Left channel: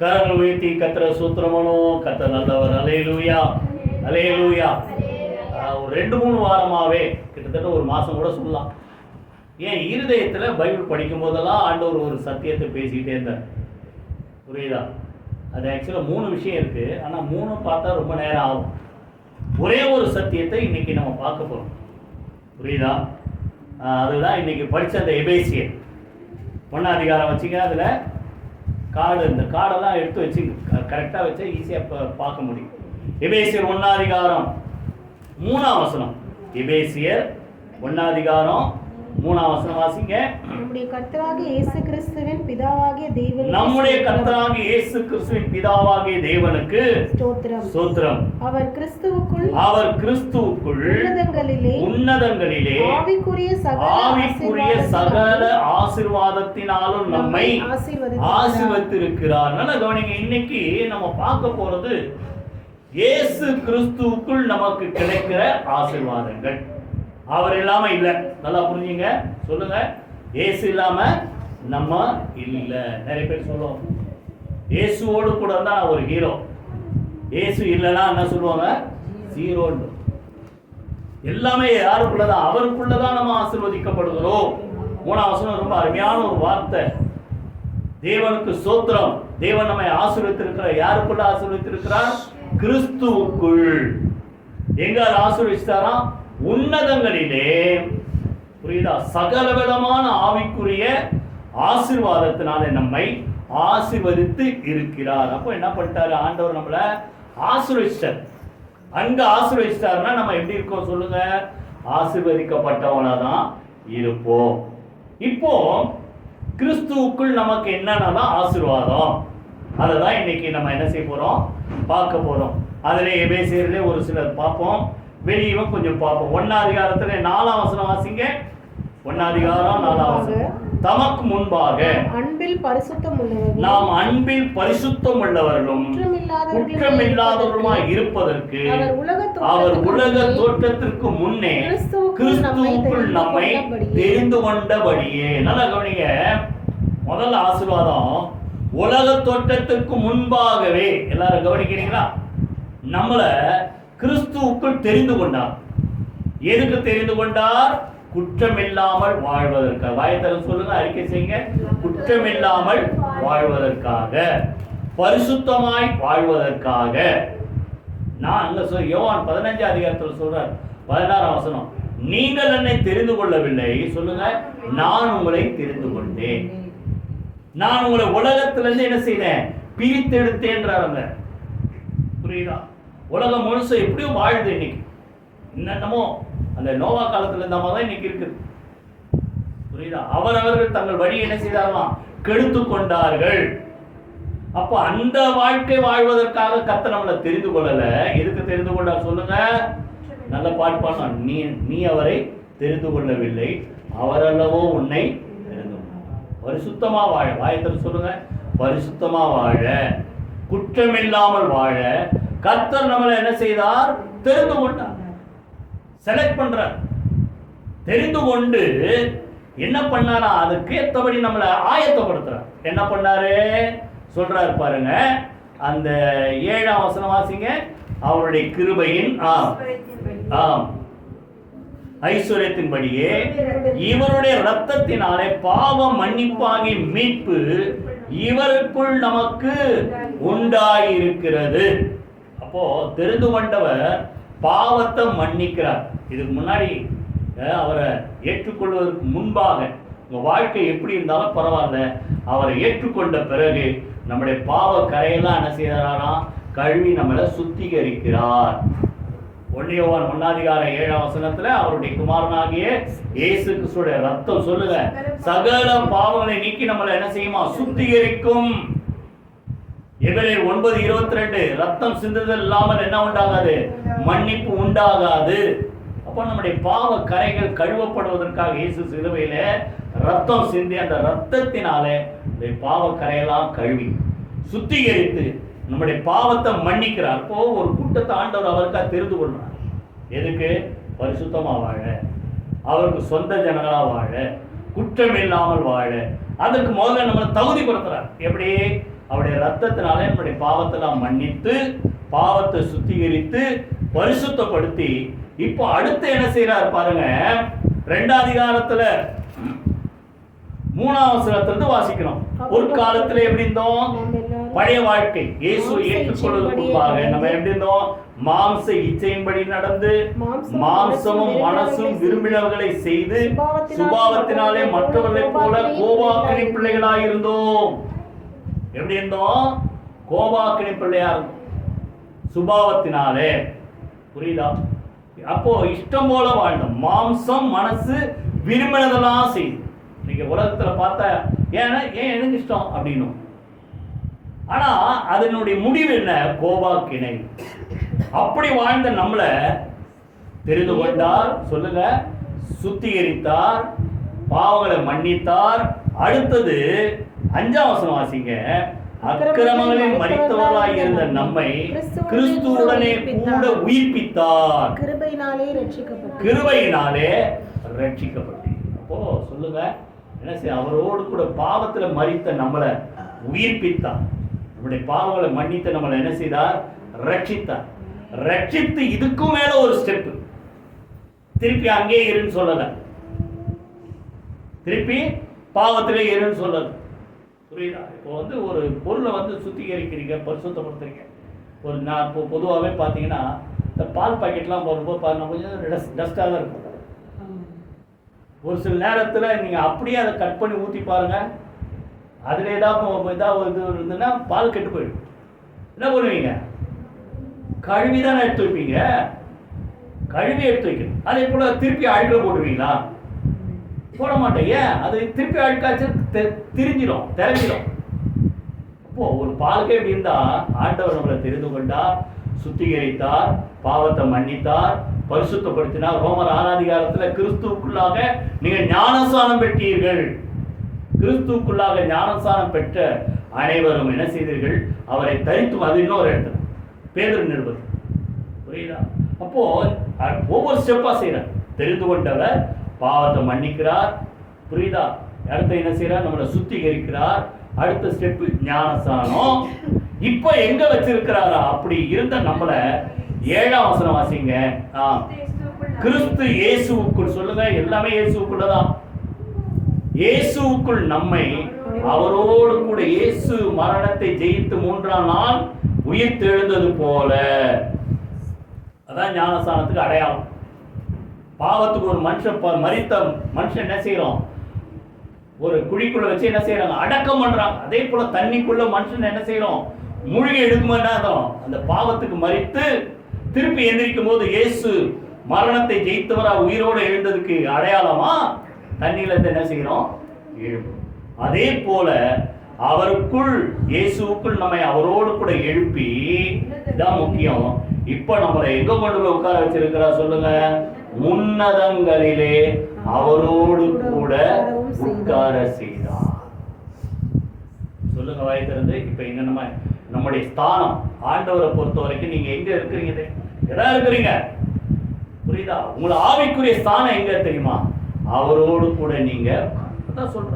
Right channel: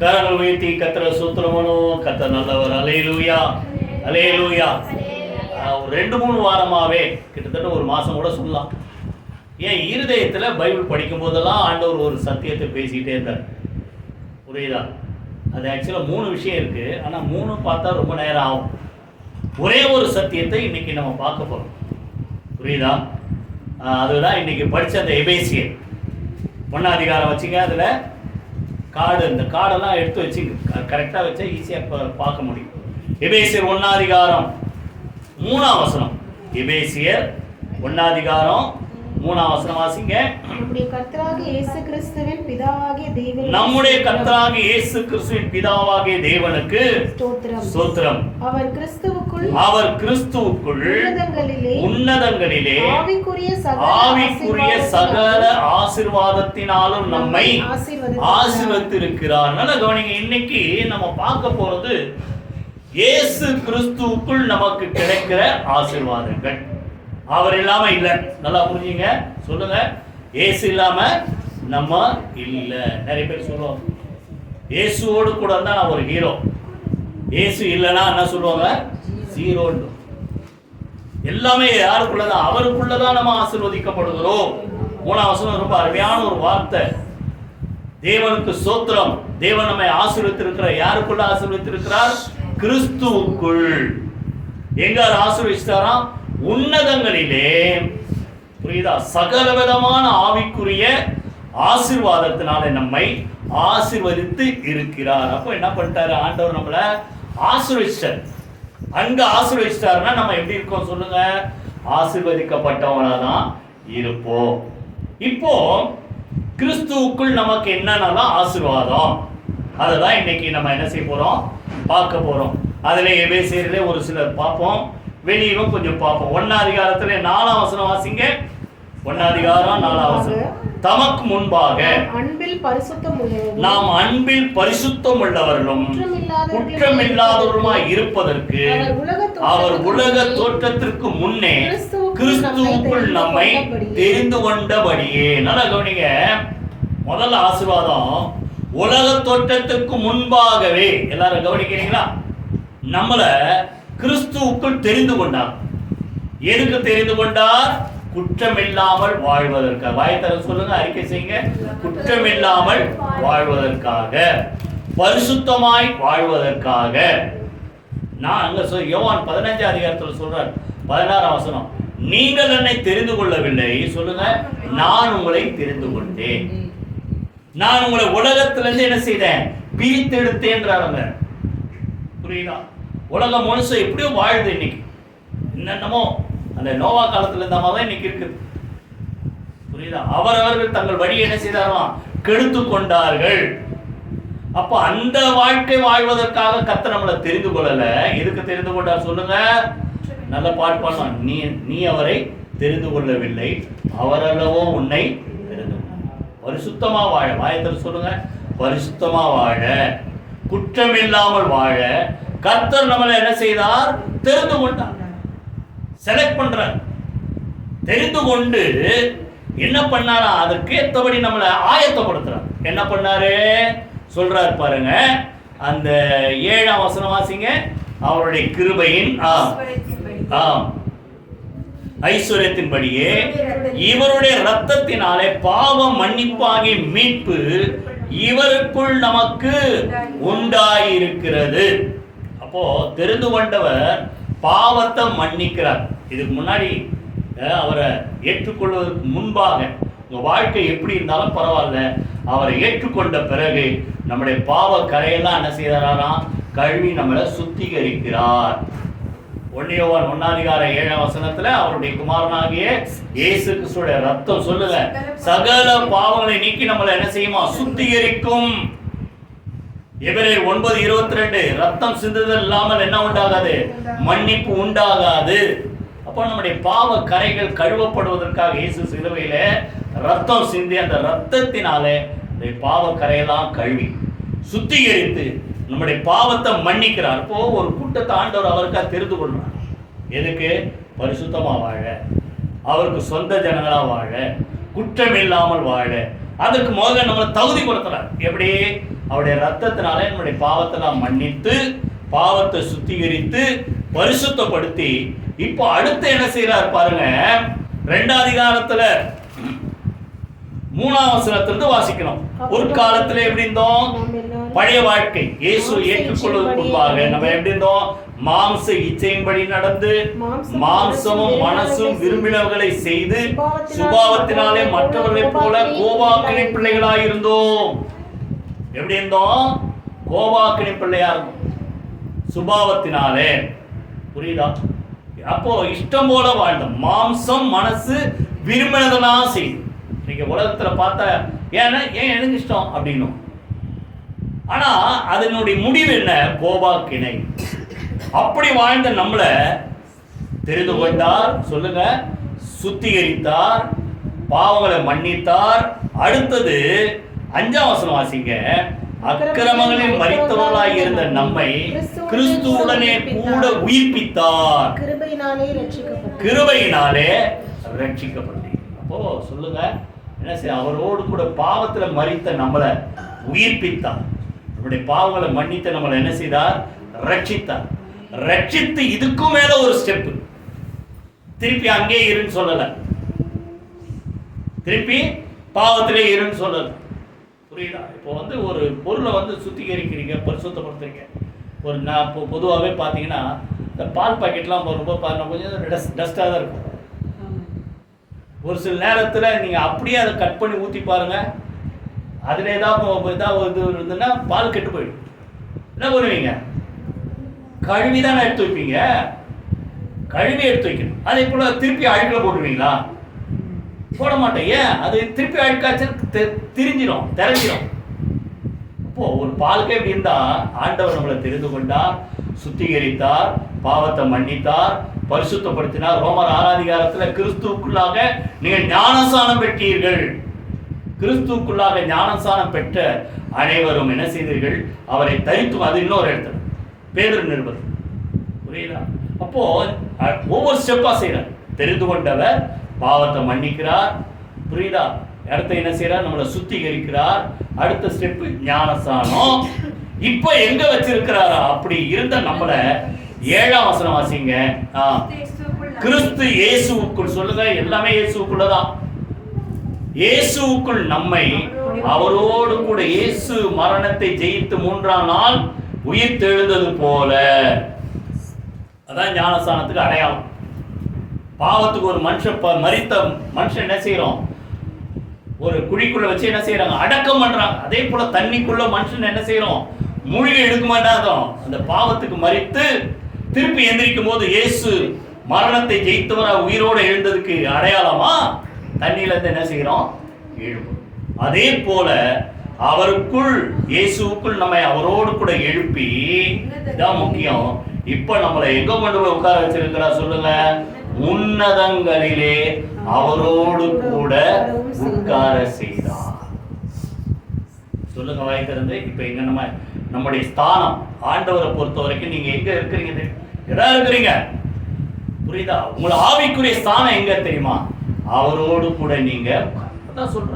கரங்கள் உயர்த்தி கர்த்தரை ஸ்தோத்திரம். கர்த்தர் நல்லவர். அல்லேலூயா, அல்லேலூயா. ஒரு 2-3 வாரமாகவே கிட்டத்தட்ட ஒரு மாதம் கூட சொல்லலாம், ஏன் இருதயத்தில் பைபிள் படிக்கும் போதெல்லாம் ஆண்டவர் ஒரு சத்தியத்தை பேசிக்கிட்டே இருந்தார். புரியுதா? அது ஆக்சுவலாக 3 விஷயம் இருக்குது, ஆனால் 3 பார்த்தா ரொம்ப நேரம் ஆகும். ஒரே ஒரு சத்தியத்தை இன்றைக்கி நம்ம பார்க்க போகிறோம். புரியுதா? அதுதான் இன்றைக்கி படித்த அந்த எபேசியர் 1ஆம் அதிகாரம் வச்சுங்க. அதில் இந்த கார்டெல்லாம் எடுத்து வச்சுங்க, கரெக்டாக வச்சா ஈஸியாக பார்க்க முடியும். எபேசியர் 1ஆம் அதிகாரம் 3ஆம் வசனம். எபேசியர் 1ஆம் அதிகாரம் 3ஆம் வசனம் வாசிங்க. நம்முடைய கர்த்தராகிய இயேசு கிறிஸ்துவின் பிதாவாகிய தேவனுக்கு ஸ்தோத்திரம். அவர் கிறிஸ்துவுக்குள் உன்னதங்களிலே ஆவிக்குரிய சகல ஆசீர்வாதத்தினாலும் நம்மை ஆசீர்வதித்திருக்கிறார். நல்லா கவனிங்க. இன்னைக்கு நம்ம பார்க்க போறது இயேசு கிறிஸ்துவுக்குள் நமக்கு கிடைக்கிற ஆசீர்வாதங்கள். அவர் இல்லாம இல்லை. நல்லா புரிஞ்சுங்க. சொல்லுங்க, இயேசு இல்லாம நம்ம இல்லை. நிறைய பேர் சொல்லுவோம், இயேசுவோடு கூட தான் நான் ஒரு ஹீரோ, இயேசு இல்லைன்னா என்ன சொல்லுவாங்க, ஜீரோன்னு. எல்லாமே யாருக்குள்ளதான்? அவருக்குள்ளதான் நம்ம ஆசீர்வதிக்கப்படுகிறோம். 3ஆம் வசனம் ரொம்ப அருமையான ஒரு வார்த்தை. தேவனுக்கு ஸ்தோத்திரம். தேவன் நம்மை ஆசீர்வதித்திருக்கிறார். யாருக்குள்ள ஆசீர்வதித்திருக்கிறார்? கிறிஸ்துவுக்குள். எங்க ஆசீர்வதித்தாராம்? உன்னதங்களிலே. புரியுதா? சகல விதமான ஆவிக்குரிய ஆசீர்வாதத்தினாலே நம்மை ஆசீர்வதித்து இருக்கிறார். அப்போ என்ன பண்ணிட்டாரு ஆண்டவர்? நம்மளை ஆசீர்வதிச்சார். அங்க ஆசீர்வதிச்சிட்டாருன்னா நம்ம எப்படி இருக்கோம் சொல்லுங்க? ஆசீர்வதிக்கப்பட்டவனாதான் இருப்போம். இப்போ கிறிஸ்துவுக்குள் நமக்கு என்னென்னலாம் ஆசீர்வாதம், அதை தான் இன்னைக்கு நம்ம என்ன செய்ய போறோம், பார்க்க போறோம். அதுல எபேசியரிலே ஒரு சிலர் பார்ப்போம், வெளியும் கொஞ்சம் பார்ப்போம். 1ஆம் அதிகாரத்துல 4ஆம் வசனம் வாசிங்க. 1ஆம் அதிகாரம் 4ஆம் வசனம். தமக்கு முன்பாக நாம் அன்பில் பரிசுத்தம் உள்ளவர்களும் குற்றமில்லாதவருமாய் இருப்பதற்கு அவர் உலக தோற்றத்திற்கு முன்னே கிறிஸ்துவுக்குள் நம்மை தெரிந்து கொண்டபடியே. நல்லா கவனிங்க. முதல் ஆசீர்வாதம், உலக தோற்றத்துக்கு முன்பாகவே. எல்லாரும் கவனிக்கிறீங்களா? நம்மளை கிறிஸ்துவுக்குள் தெரிந்து கொண்டார். எதுக்கு தெரிந்து கொண்டார்? குற்றமில்லாமல் வாழ்வதற்காக. வாயத்தர சொல்லுங்க, அறிக்கை செய்யுங்க. குற்றமில்லாமல் வாழ்வதற்காக, பரிசுத்தமாய் வாழ்வதற்காக. நான் அங்க யோவான் 15ஆம் அதிகாரத்தில் சொல்றார், 16ஆம் வசனம், நீங்கள் என்னை தெரிந்து கொள்ளவில்லை, சொல்லுங்க, நான் உங்களை தெரிந்து கொண்டேன். நான் உங்களை உலகத்திலிருந்து என்ன செய்தேன்? பிரித்தெடுத்தேன்றாங்க. புரியுதா? உலகம் முழுசு எப்படியோ வாழுது இன்னைக்கு. என்னென்னமோ அந்த நோவா காலத்தில் இருந்த மாதிரி தான் இன்னைக்கு இருக்குது. புரியுதா? அவரவர்கள் தங்கள் வழியை என்ன செய்தார்களாம்? கெடுத்து கொண்டார்கள். அப்ப அந்த வாழ்க்கை வாழ்வதற்காக கர்த்தர் நம்மளை தெரிந்து கொள்ளல. எதுக்கு தெரிந்து கொண்டார் சொல்லுங்க? நல்ல பாட்டு பாடலாம். நீ அவரை தெரிந்து கொள்ளவில்லை, அவரல்லவோ உன்னை தெரிந்து கொண்டார். பரிசுத்தமா வாழ. வாயத்தில் சொல்லுங்க, பரிசுத்தமா வாழ, குற்றமில்லாமல் வாழ கர்த்தர் நம்மளை என்ன செய்தார்? தெரிந்து கொண்டார். செலக்ட் பண்றார். தெரிந்து கொண்டு என்ன பண்ணாரா? அதுக்கேற்றபடி நம்மளை ஆயத்தப்படுத்துறார். என்ன பண்ணாரு சொல்றார் பாருங்க. அந்த 7ஆம் வசனம் வாசிங்க. அவருடைய கிருபையின் ஐஸ்வர்யத்தின்படியே இவருடைய இரத்தத்தினாலே பாவம் மன்னிப்பாகி மீட்பு இவருக்குள் நமக்கு உண்டாயிருக்கிறது. அப்போ தெரிந்து கொண்டவர் பாவத்தை மன்னிக்கிறார். இதுக்கு முன்னாடி அவரை ஏற்றுக்கொள்வதற்கு முன்பாக உங்க வாழ்க்கை எப்படி இருந்தாலும் பரவாயில்ல, அவரை ஏற்றுக்கொண்ட பிறகு நம்முடைய பாவ கரையெல்லாம் என்ன செய்யறாராம்? கழுவி நம்மளை சுத்திகரிக்கிறார். 1 யோவான் 1ஆம் அதிகாரம் 7ஆம் வசனத்துல அவருடைய குமாரனாகிய இயேசு கிறிஸ்துவின் ரத்தம் சொல்லுங்க சகல பாவங்களை நீக்கி நம்மளை என்ன செய்யுமா? சுத்திகரிக்கும். எபிரேயர் 9:22 ரத்தம் சிந்துதல் இல்லாமல் என்ன உண்டாகாது? மன்னிப்பு உண்டாகாது. அப்போ நம்முடைய பாவ கரைகள் கழுவப்படுவதற்காக இயேசு சிலுவையில ரத்தம் சிந்தி அந்த ரத்தத்தினாலே இந்த பாவ கரையெல்லாம் கழுவி சுத்திகரித்து நம்முடைய பாவத்தை மன்னிக்கிறார். இப்போ ஒரு கூட்டத்தை ஆண்டவர் அவருக்காக தெரிந்து கொள்றார். எதுக்கு? பரிசுத்தமா வாழ, அவருக்கு சொந்த ஜனங்களா வாழ, குற்றம் இல்லாமல் வாழ. அதற்கு முதல்ல நம்மளை தகுதிப்படுத்துறார். எப்படி? அவருடைய ரத்தத்தினாலே நம்முடைய பாவத்தெல்லாம் மன்னித்து பாவத்தை சுத்திகரித்து பரிசுத்தப்படுத்தி இப்போ அடுத்து என்ன செய்யறார் பாருங்க. 2 அதிகாரத்துல 3ஆம் வசனத்திலிருந்து வாசிக்கணும். ஒரு காலத்துல எப்படி இருந்தோம்? பழைய வாழ்க்கை இயேசு ஏற்றுக்கொள்வதற்கு முன்பாக நம்ம எப்படி இருந்தோம்? மாம்ச இச்சையின்படி நடந்து மாம்சமும் மனசும் விரும்பினர்களை செய்து சுபாவத்தினாலே மற்றவர்களைப் போல கோபாக்கினி பிள்ளைகளாய் இருந்தோம். எப்படி இருந்தோம்? கோபாக்கினி பிள்ளையா இருந்தோம் சுபாவத்தினாலே. புரியுதா? அப்போ இஷ்டம் போல வாழ்ந்தோம். மாம்சம் மனசு விரும்பினதெல்லாம் செய்து. நீங்க உலகத்துல பார்த்தா ஏன் எனக்கு இஷ்டம் அப்படின்னும். ஆனா அதனுடைய முடிவு என்ன? கோபாக்கினை. அப்படி வாழ்ந்த நம்மளை தெரிந்து கொண்டார். சொல்லுங்க, சுத்திகரித்தார், பாவங்களை மன்னித்தார். அடுத்தது 5ஆம் வசனம் வாசிங்க. அக்கிரமங்களில் மரித்தவர்களாய் இருந்த நம்மை கிறிஸ்துவுடனே கூட உயிர்ப்பித்தார். கிருபையினாலே ரட்சிக்கப்பட்டீர். அப்போ சொல்லுங்க, என்ன செய்ய? அவரோடு கூட பாவத்துல மரித்த நம்மளை உயிர்ப்பித்தார். நம்முடைய பாவங்களை மன்னித்து நம்மளை என்ன செய்தார்? ரட்சித்தார். ரட்சித்து இதுக்கும் மேல ஒரு ஸ்டெப். திருப்பி அங்கே இருன்னு சொல்லல, திருப்பி பாவத்திலே இருன்னு சொல்லல. புரியுதா? இப்போ ஒரு பொருளை சுத்திகரிக்கிறீங்க, பரிசுத்தப்படுத்துறீங்க. நான் இப்போ பொதுவாகவே பார்த்தீங்கன்னா இந்த பால் பாக்கெட்லாம் ரொம்ப கொஞ்சம் டஸ்ட்டாக தான் இருக்கும். ஒரு சில நேரத்தில் நீங்கள் அப்படியே அதை கட் பண்ணி ஊற்றி பாருங்கள், அதில் ஏதாவது இது இருந்ததுன்னா பால் கெட்டு போயிடும். என்ன பண்ணுவீங்க? கழுவி தானே எடுத்து வைப்பீங்க. கழுவி எடுத்து வைக்கணும். அதே போல் திருப்பி அழுக்கில் போட்டுருவீங்களா? போட மாட்டேன். ஏன்? அது திருப்பி அழுக்காச்சு தெரிஞ்சிடும். அப்போ ஒரு பாலுக்கே எப்படி இருந்தா ஆண்டவர் நம்மளை தெரிந்து கொண்டார், சுத்திகரித்தார், பாவத்தை மன்னித்தார், பரிசுத்தப்படுத்தினார். ரோமர் 6ஆம் அதிகாரத்தில் கிறிஸ்துவுக்குள்ளாக நீங்கள் ஞானஸ்நானம் பெற்றீர்கள். கிறிஸ்துவுக்குள்ளாக ஞானஸ்நானம் பெற்ற அனைவரும் என்ன செய்தீர்கள்? அவரை தரித்தும். அது இன்னொரு இடத்துல பேதுரு நிருபம். புரியுதா? அப்போ ஒவ்வொரு ஸ்டெப்பா செய்யறார். தெரிந்து கொண்டவர் பாவத்தை மன்னிக்கிறார். புரியுதா? அடுத்த என்ன செய்யறார்? நம்மளை சுத்திகரிக்கிறார். அடுத்த ஸ்டெப் ஞானஸ்நானம். இப்ப எங்க வச்சிருக்கிறாரா? அப்படி இருந்த நம்மளை 7ஆம் வசனம் வாசிங்க. கிறிஸ்து இயேசுவுக்குள். சொல்லுங்க, எல்லாமே இயேசுவுக்குள்ளதான். இயேசுவுக்குள் நம்மை அவரோடு கூட இயேசு மரணத்தை ஜெயித்து 3ஆம் நாள் உயிர் தெழுந்தது போல. அதான் ஞானஸ்நானத்துக்கு அடையாளம். பாவத்துக்கு ஒரு மனுஷன் மரித்த மனுஷன் என்ன செய்யறோம்? ஒரு குழிக்குள்ள வச்சு என்ன செய்யறாங்க? அடக்கம் பண்றாங்க. அதே போல தண்ணிக்குள்ள மனுஷன் என்ன செய்யறோம்? மூழ்கி எடுக்க மாட்டாதோ. அந்த பாவத்துக்கு மரித்து திருப்பி எந்திரிக்கும் போது இயேசு மரணத்தை ஜெயித்தவரா உயிரோடு எழுந்ததுக்கு அடையாளமா தண்ணியில இருந்து என்ன செய்யறோம்? எழுப்பும். அதே போல அவருக்குள் இயேசுவுக்குள் நம்மை அவரோடு கூட எழுப்பி, இதான் முக்கியம். இப்ப நம்மளை எங்க கொண்டு போய் உட்கார வச்சிருக்கிறா? சொல்லுங்க, உன்னதங்களிலே அவரோடு கூட உட்கார செய்தார். சொல்லுங்க வாய் திறந்து. இப்ப எங்க நம்முடைய ஸ்தானம் ஆண்டவரை பொறுத்த வரைக்கும் நீங்க எங்க இருக்கிறீங்க? எதா இருக்கிறீங்க? புரியுதா? உங்களை ஆவிக்குரிய ஸ்தானம் எங்க தெரியுமா? அவரோடு கூட நீங்க. அதான் சொல்ற,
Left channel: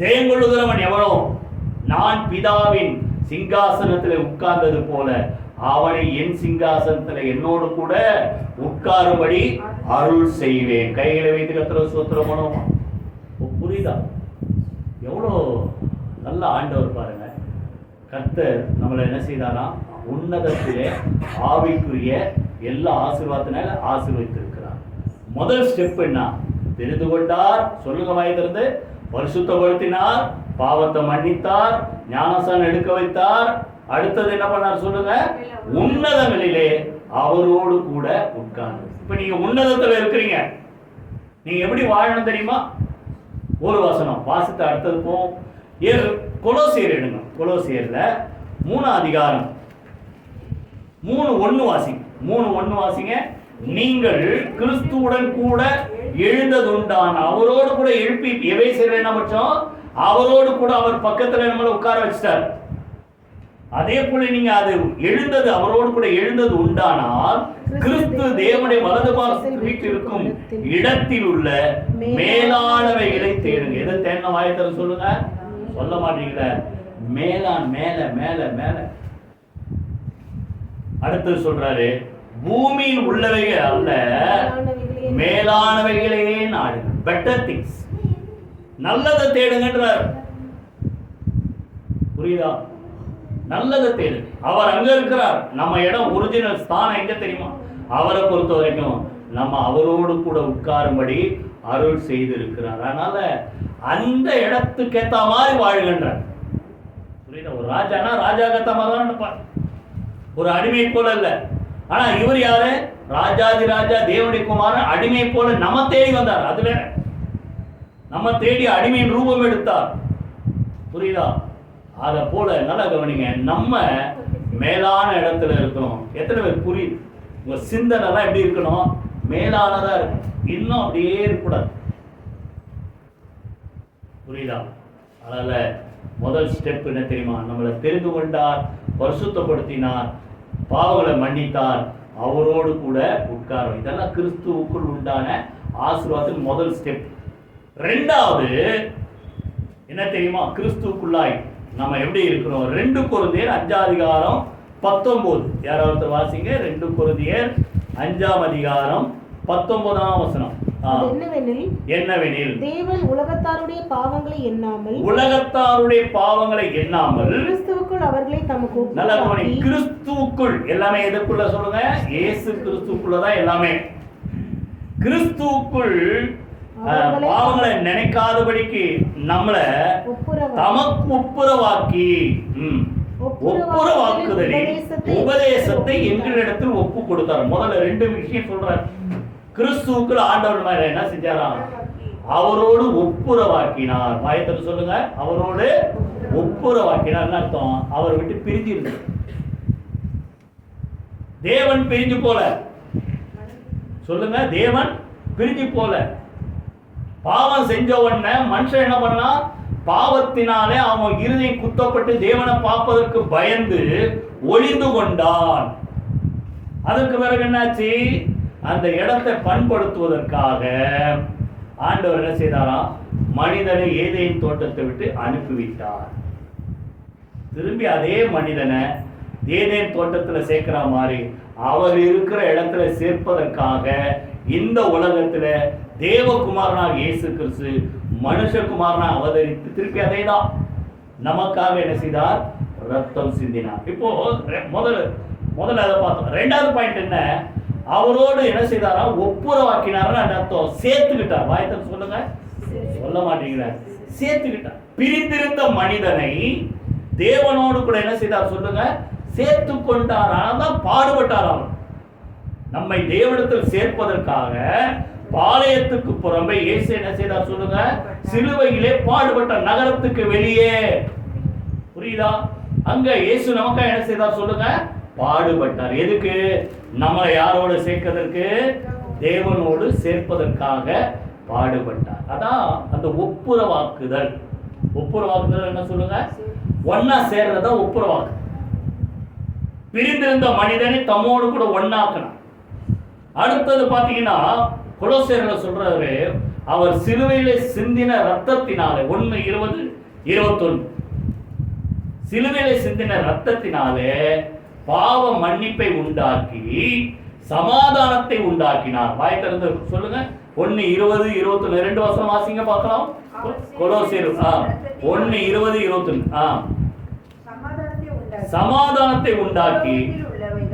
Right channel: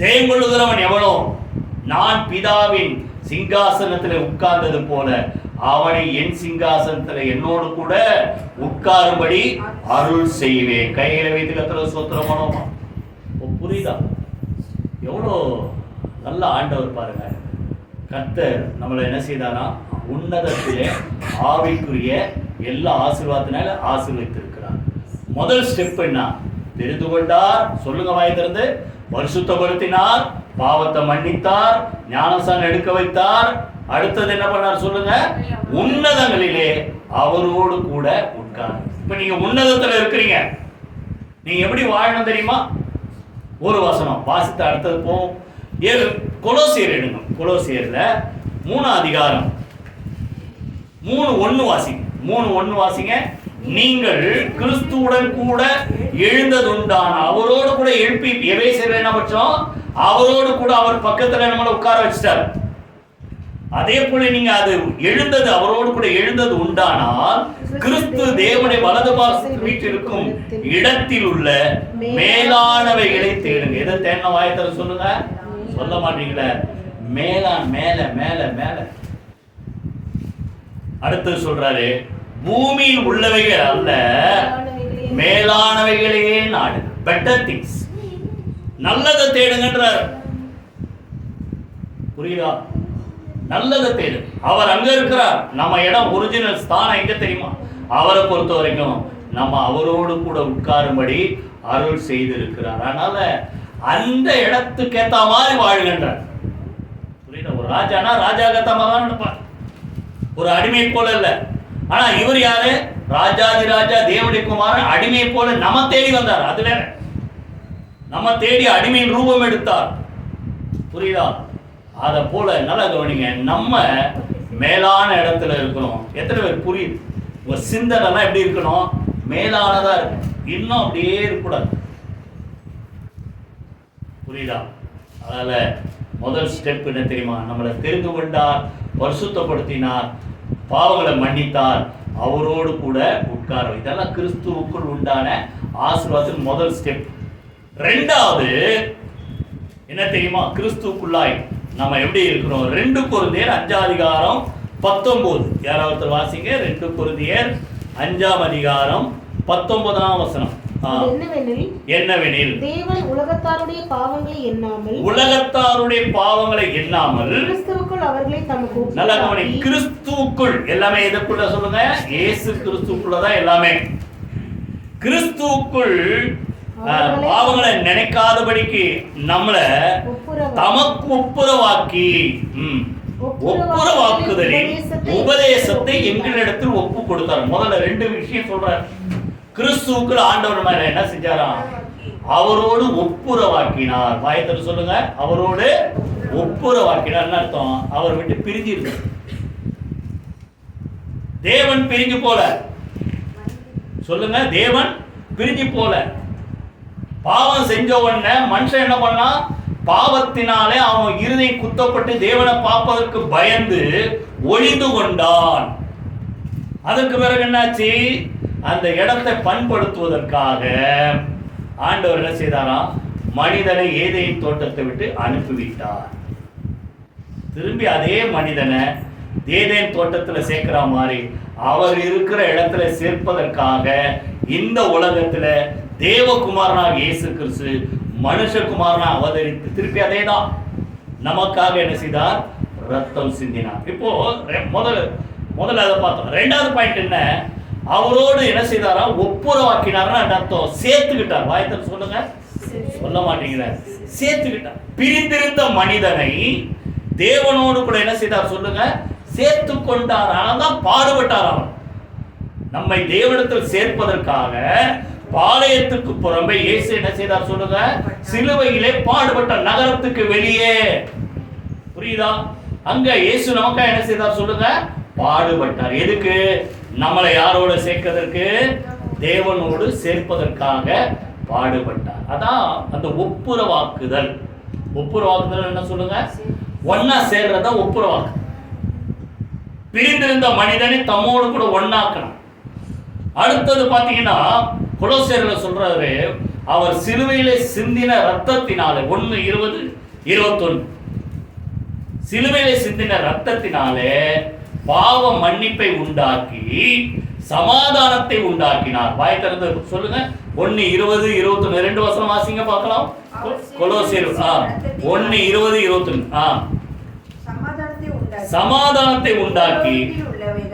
ஜெயம் கொள்ளுகிறவன் எவனோ நான் பிதாவின் சிங்காசனத்தில் உட்கார்ந்தது போல அவனை என் சிங்காசனத்தில் என்னோடு கூட உட்காரும்படி அருள் செய்வேன். கையில வைத்து கர்த்தரை ஸ்தோத்திரம் பண்ணுவோமா? புரியுதா? எவ்வளோ நல்ல ஆண்டவர் பாருங்க. கர்த்தர் நம்மளை என்ன செய்தானா? உன்னதத்திலே ஆவிக்குரிய எல்லா ஆசீர்வாதத்தினால ஆசீர்வதித்திருக்கிறார். முதல் ஸ்டெப் என்ன? தெரிந்து கொண்டார். சொல்லுங்க வாய் திறந்து. பரிசுத்தப்படுத்தினார், பாவத்தை மன்னித்தார், ஞானஸ்நானம் எடுக்க வைத்தார். அடுத்தது என்ன பண்ணார்? சொல்லுங்க, உன்னதங்களிலே அவரோடு கூட உட்கார்ந்து. இப்ப நீங்க உன்னதத்துல இருக்கிறீங்க. நீங்க எப்படி வாழணும் தெரியுமா? ஒரு வசனம் வாசித்து அடுத்தது போவோம். கொலோசியர் எடுங்க. கொலோசியர்ல 3ஆம் அதிகாரம் 3:1 வாசிங்க. 3:1 வாசிங்க. நீங்கள் கிறிஸ்துவுடன் கூட எழுந்ததுண்டான அவரோடு கூட எழுப்பி. எபேசியர்ல என்ன பட்சம்? அவரோடு கூட அவர் பக்கத்துல நம்மளை உட்கார வச்சிட்டார். அதே போல நீங்க அது எழுந்தது, அவரோடு கூட எழுந்தது உண்டானால் கிறிஸ்து தேவனுடைய வலது பாகத்தில் வீற்றிருக்கும் இடத்தில் உள்ள மேலானவைகளை தேடுங்க. எதை தேடின? வாயத்தர சொல்லுங்க. சொல்ல மாட்டீங்களே. மேலான மேல மேல மேல. அடுத்து சொல்றாரு, பூமியில் உள்ளவைகள் அல்ல, மேலானவைகளையே நாடு. பெட்டர் திங்ஸ், நல்லதை தேடுங்கன்றார். புரியுதா? நல்லதை தேடு. அவர் அங்க இருக்கிறார். நம்ம இடம் ஒரிஜினல் ஸ்தானம் எங்க தெரியுமா? அவரை பொறுத்த வரைக்கும் நம்ம அவரோடு கூட உட்காரும்படி அருள் செய்திருக்கிறார். அதனால அந்த இடத்துக்கு ஏத்த மாதிரி வாழுகின்றார். புரியுதா? ஒரு ராஜானா ராஜாக்கத்த மாதிரி தான் நினைப்பார், ஒரு அடிமை போல இல்ல. ஆனா இவர் யாரு? ராஜாதி ராஜா தேவனுடைய குமாரன், அடிமை போல நம்ம தேடி வந்தார். அது வேற, நம்ம தேடி அடிமையின் ரூபம் எடுத்தார். புரியுதா? அதை போல நல்லா கவனிங்க, நம்ம மேலான இடத்துல இருக்கணும். எத்தனை பேர் புரியுது? உங்க சிந்தனைலாம் எப்படி இருக்கணும்? மேலானதா இருக்கணும். இன்னும் அப்படியே இருக்கக்கூடாது. புரியுதா? அதனால முதல் ஸ்டெப் என்ன தெரியுமா? நம்மளை தெரிந்து கொண்டார், பரிசுத்தப்படுத்தினார், பாவங்களை மன்னித்தார், அவரோடு கூட உட்கார. இதெல்லாம் கிறிஸ்துவுக்குள் உண்டான ஆசீர்வாதத்தின் முதல் ஸ்டெப். ரெண்டாவது என்ன தெரியுமா? கிறிஸ்துவுக்குள்ளாய் நம்ம எப்படி இருக்கிறோம்? 2 கொரிந்தியர் 5:19. யாராவது வாசிங்க. 2 கொரிந்தியர் 5:19. என்னவெனில் தேவன் உலகத்தாருடைய பாவங்களை எண்ணாமல் கிறிஸ்துவுக்குள் அவர்களை தமக்கு நல்ல கவனி. கிறிஸ்துவுக்குள் எல்லாமே எதுக்குள்ள சொல்லுங்க? இயேசு கிறிஸ்துவுக்குள்ளதான் எல்லாமே. கிறிஸ்துவுக்குள் பாவங்களை நினைக்காதபடிக்கு நம்மளை தமக்கு ஒப்புரவாக்குதலின் உபதேசத்தை எங்களிடத்தில் ஒப்பு கொடுத்தார். முதல்ல 2 விஷயம் சொல்றார். கிறிஸ்துவுக்குள் ஆண்டவர் மேல என்ன செஞ்சாராம்? அவரோடு ஒப்புரவாக்கினார். வாயத்தோடு சொல்லுங்க, அவரோடு ஒப்புரவாக்கினார். அர்த்தம் அவர் விட்டு பிரிஞ்சு இருக்கு. தேவன் பிரிஞ்சு போல. சொல்லுங்க, தேவன் பிரிஞ்சு போல. பாவம் செஞ்ச உடனே மனுஷன் என்ன பண்ணா? பாவத்தினாலே அவன் இருதயம் குத்தப்பட்டு தேவனை பார்ப்பதற்கு பயந்து ஒளிந்து கொண்டான். அதற்கு பிறகு என்னாச்சு? அந்த இடத்தை பண்படுத்துவதற்காக ஆண்டவர் என்ன செய்தாராம்? மனிதனை ஏதேன் தோட்டத்தை விட்டு அனுப்பிவிட்டார். திரும்பி அதே மனிதனை ஏதேன் தோட்டத்தில் சேர்க்கிற மாதிரி அவர் இருக்கிற இடத்துல சேர்ப்பதற்காக இந்த உலகத்துல தேவகுமாரனாக இயேசு கிறிஸ்து மனுஷகுமாரனாக அவதரித்து திருப்பி அதே தான் நமக்காக என்ன செய்தார்? ரத்தம் சிந்தினார். இப்போ முதல்ல அதை பார்த்தோம். ரெண்டாவது பாயிண்ட் என்ன? அவரோடு என்ன செய்தாரா? ஒப்புரவாக்கினார். அர்த்தம் சேர்த்துக்கிட்டார். வாயத்தில் சொல்லுங்க, சொல்ல மாட்டேங்கிறார். சேர்த்துக்கிட்டார். பிரிந்திருந்த மனிதனை தேவனோடு கூட என்ன செய்தார்? சொல்லுங்க, சேர்த்து கொண்டார். ஆனால் பாடுபட்டார். அவர் நம்மை தேவனிடத்தில் சேர்ப்பதற்காக பாளையத்துக்கு புறம்பே இயேசு என்ன செய்தார்? சொல்லுங்க, சிலுவையிலே பாடுபட்ட நகரத்துக்கு வெளியே. புரியுதா? அங்க இயேசு நமக்காக என்ன செய்தார்? சொல்லுங்க, பாடுபட்டார். எதுக்கு? நம்மளை யாரோட சேர்ப்பதற்கு? தேவனோடு சேர்ப்பதற்காக பாடுபட்டார். அதான் அந்த ஒப்புரவாக்குதல். ஒப்புரவாக்குதல் என்ன சொல்லுங்க? ஒன்னா சேர்றதா ஒப்புரவாக்கு. பிரிந்திருந்த மனிதனை தம்மோடு கூட ஒன்னாக்கணும். அடுத்தது பாத்தீங்கன்னா கொலோசியர்ல சொல்றாரு, அவர் சிலுவையிலே சிந்தின ரத்தத்தினாலே 1:20-21 சிலுவையிலே சிந்தின ரத்தத்தினாலே பாவ மன்னிப்பை உண்டாக்கி சமாதானத்தை உண்டாக்கினார். வாய் திறந்து சொல்லுங்க. 1:20-21 2 வசனம் வாசிங்க பார்க்கலாம். கொலோசியர் 1:20-21 சமாதானத்தை உண்டாக்கி,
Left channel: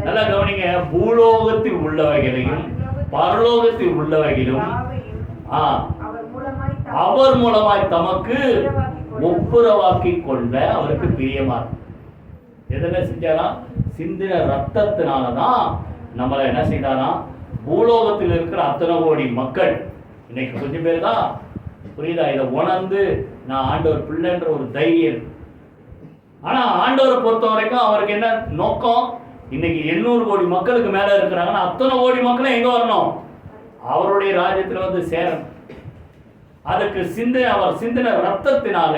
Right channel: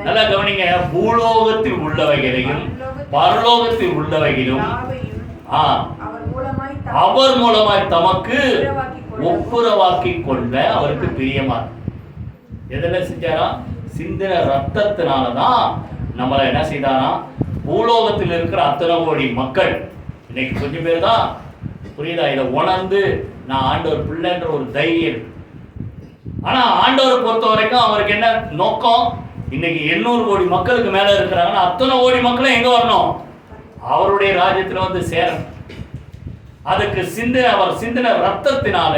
நல்லா கவனிங்க, பூலோகத்தில் உள்ளவைகளையும் பரலோகத்தில் உள்ளவைகளும் அவர் மூலமாய் தமக்கு ஒப்புரவாக்கி கொண்ட அவருக்கு பிரியமா. எதில் செஞ்சாரா? சிந்தின ரத்தத்தினாலதான் நம்மளை என்ன செய்தாரா? பூலோகத்தில் இருக்கிற அத்தனை கோடி மக்கள், இன்னைக்கு கொஞ்சம் பேர் தான் புரியுதா, இதை உணர்ந்து நான் ஆண்டவர் பிள்ளைன்ற ஒரு தைரியம். ஆனா ஆண்டவரை பொறுத்த வரைக்கும் அவருக்கு என்ன நோக்கம்? இன்னைக்கு 800 கோடி மக்களுக்கு மேல இருக்கிறாங்கன்னா அத்தனை கோடி மக்களும் எங்க வரணும்? அவருடைய ராஜ்யத்தில் வந்து சேரணும். அதுக்கு அவர் சிந்தின ரத்தத்தினால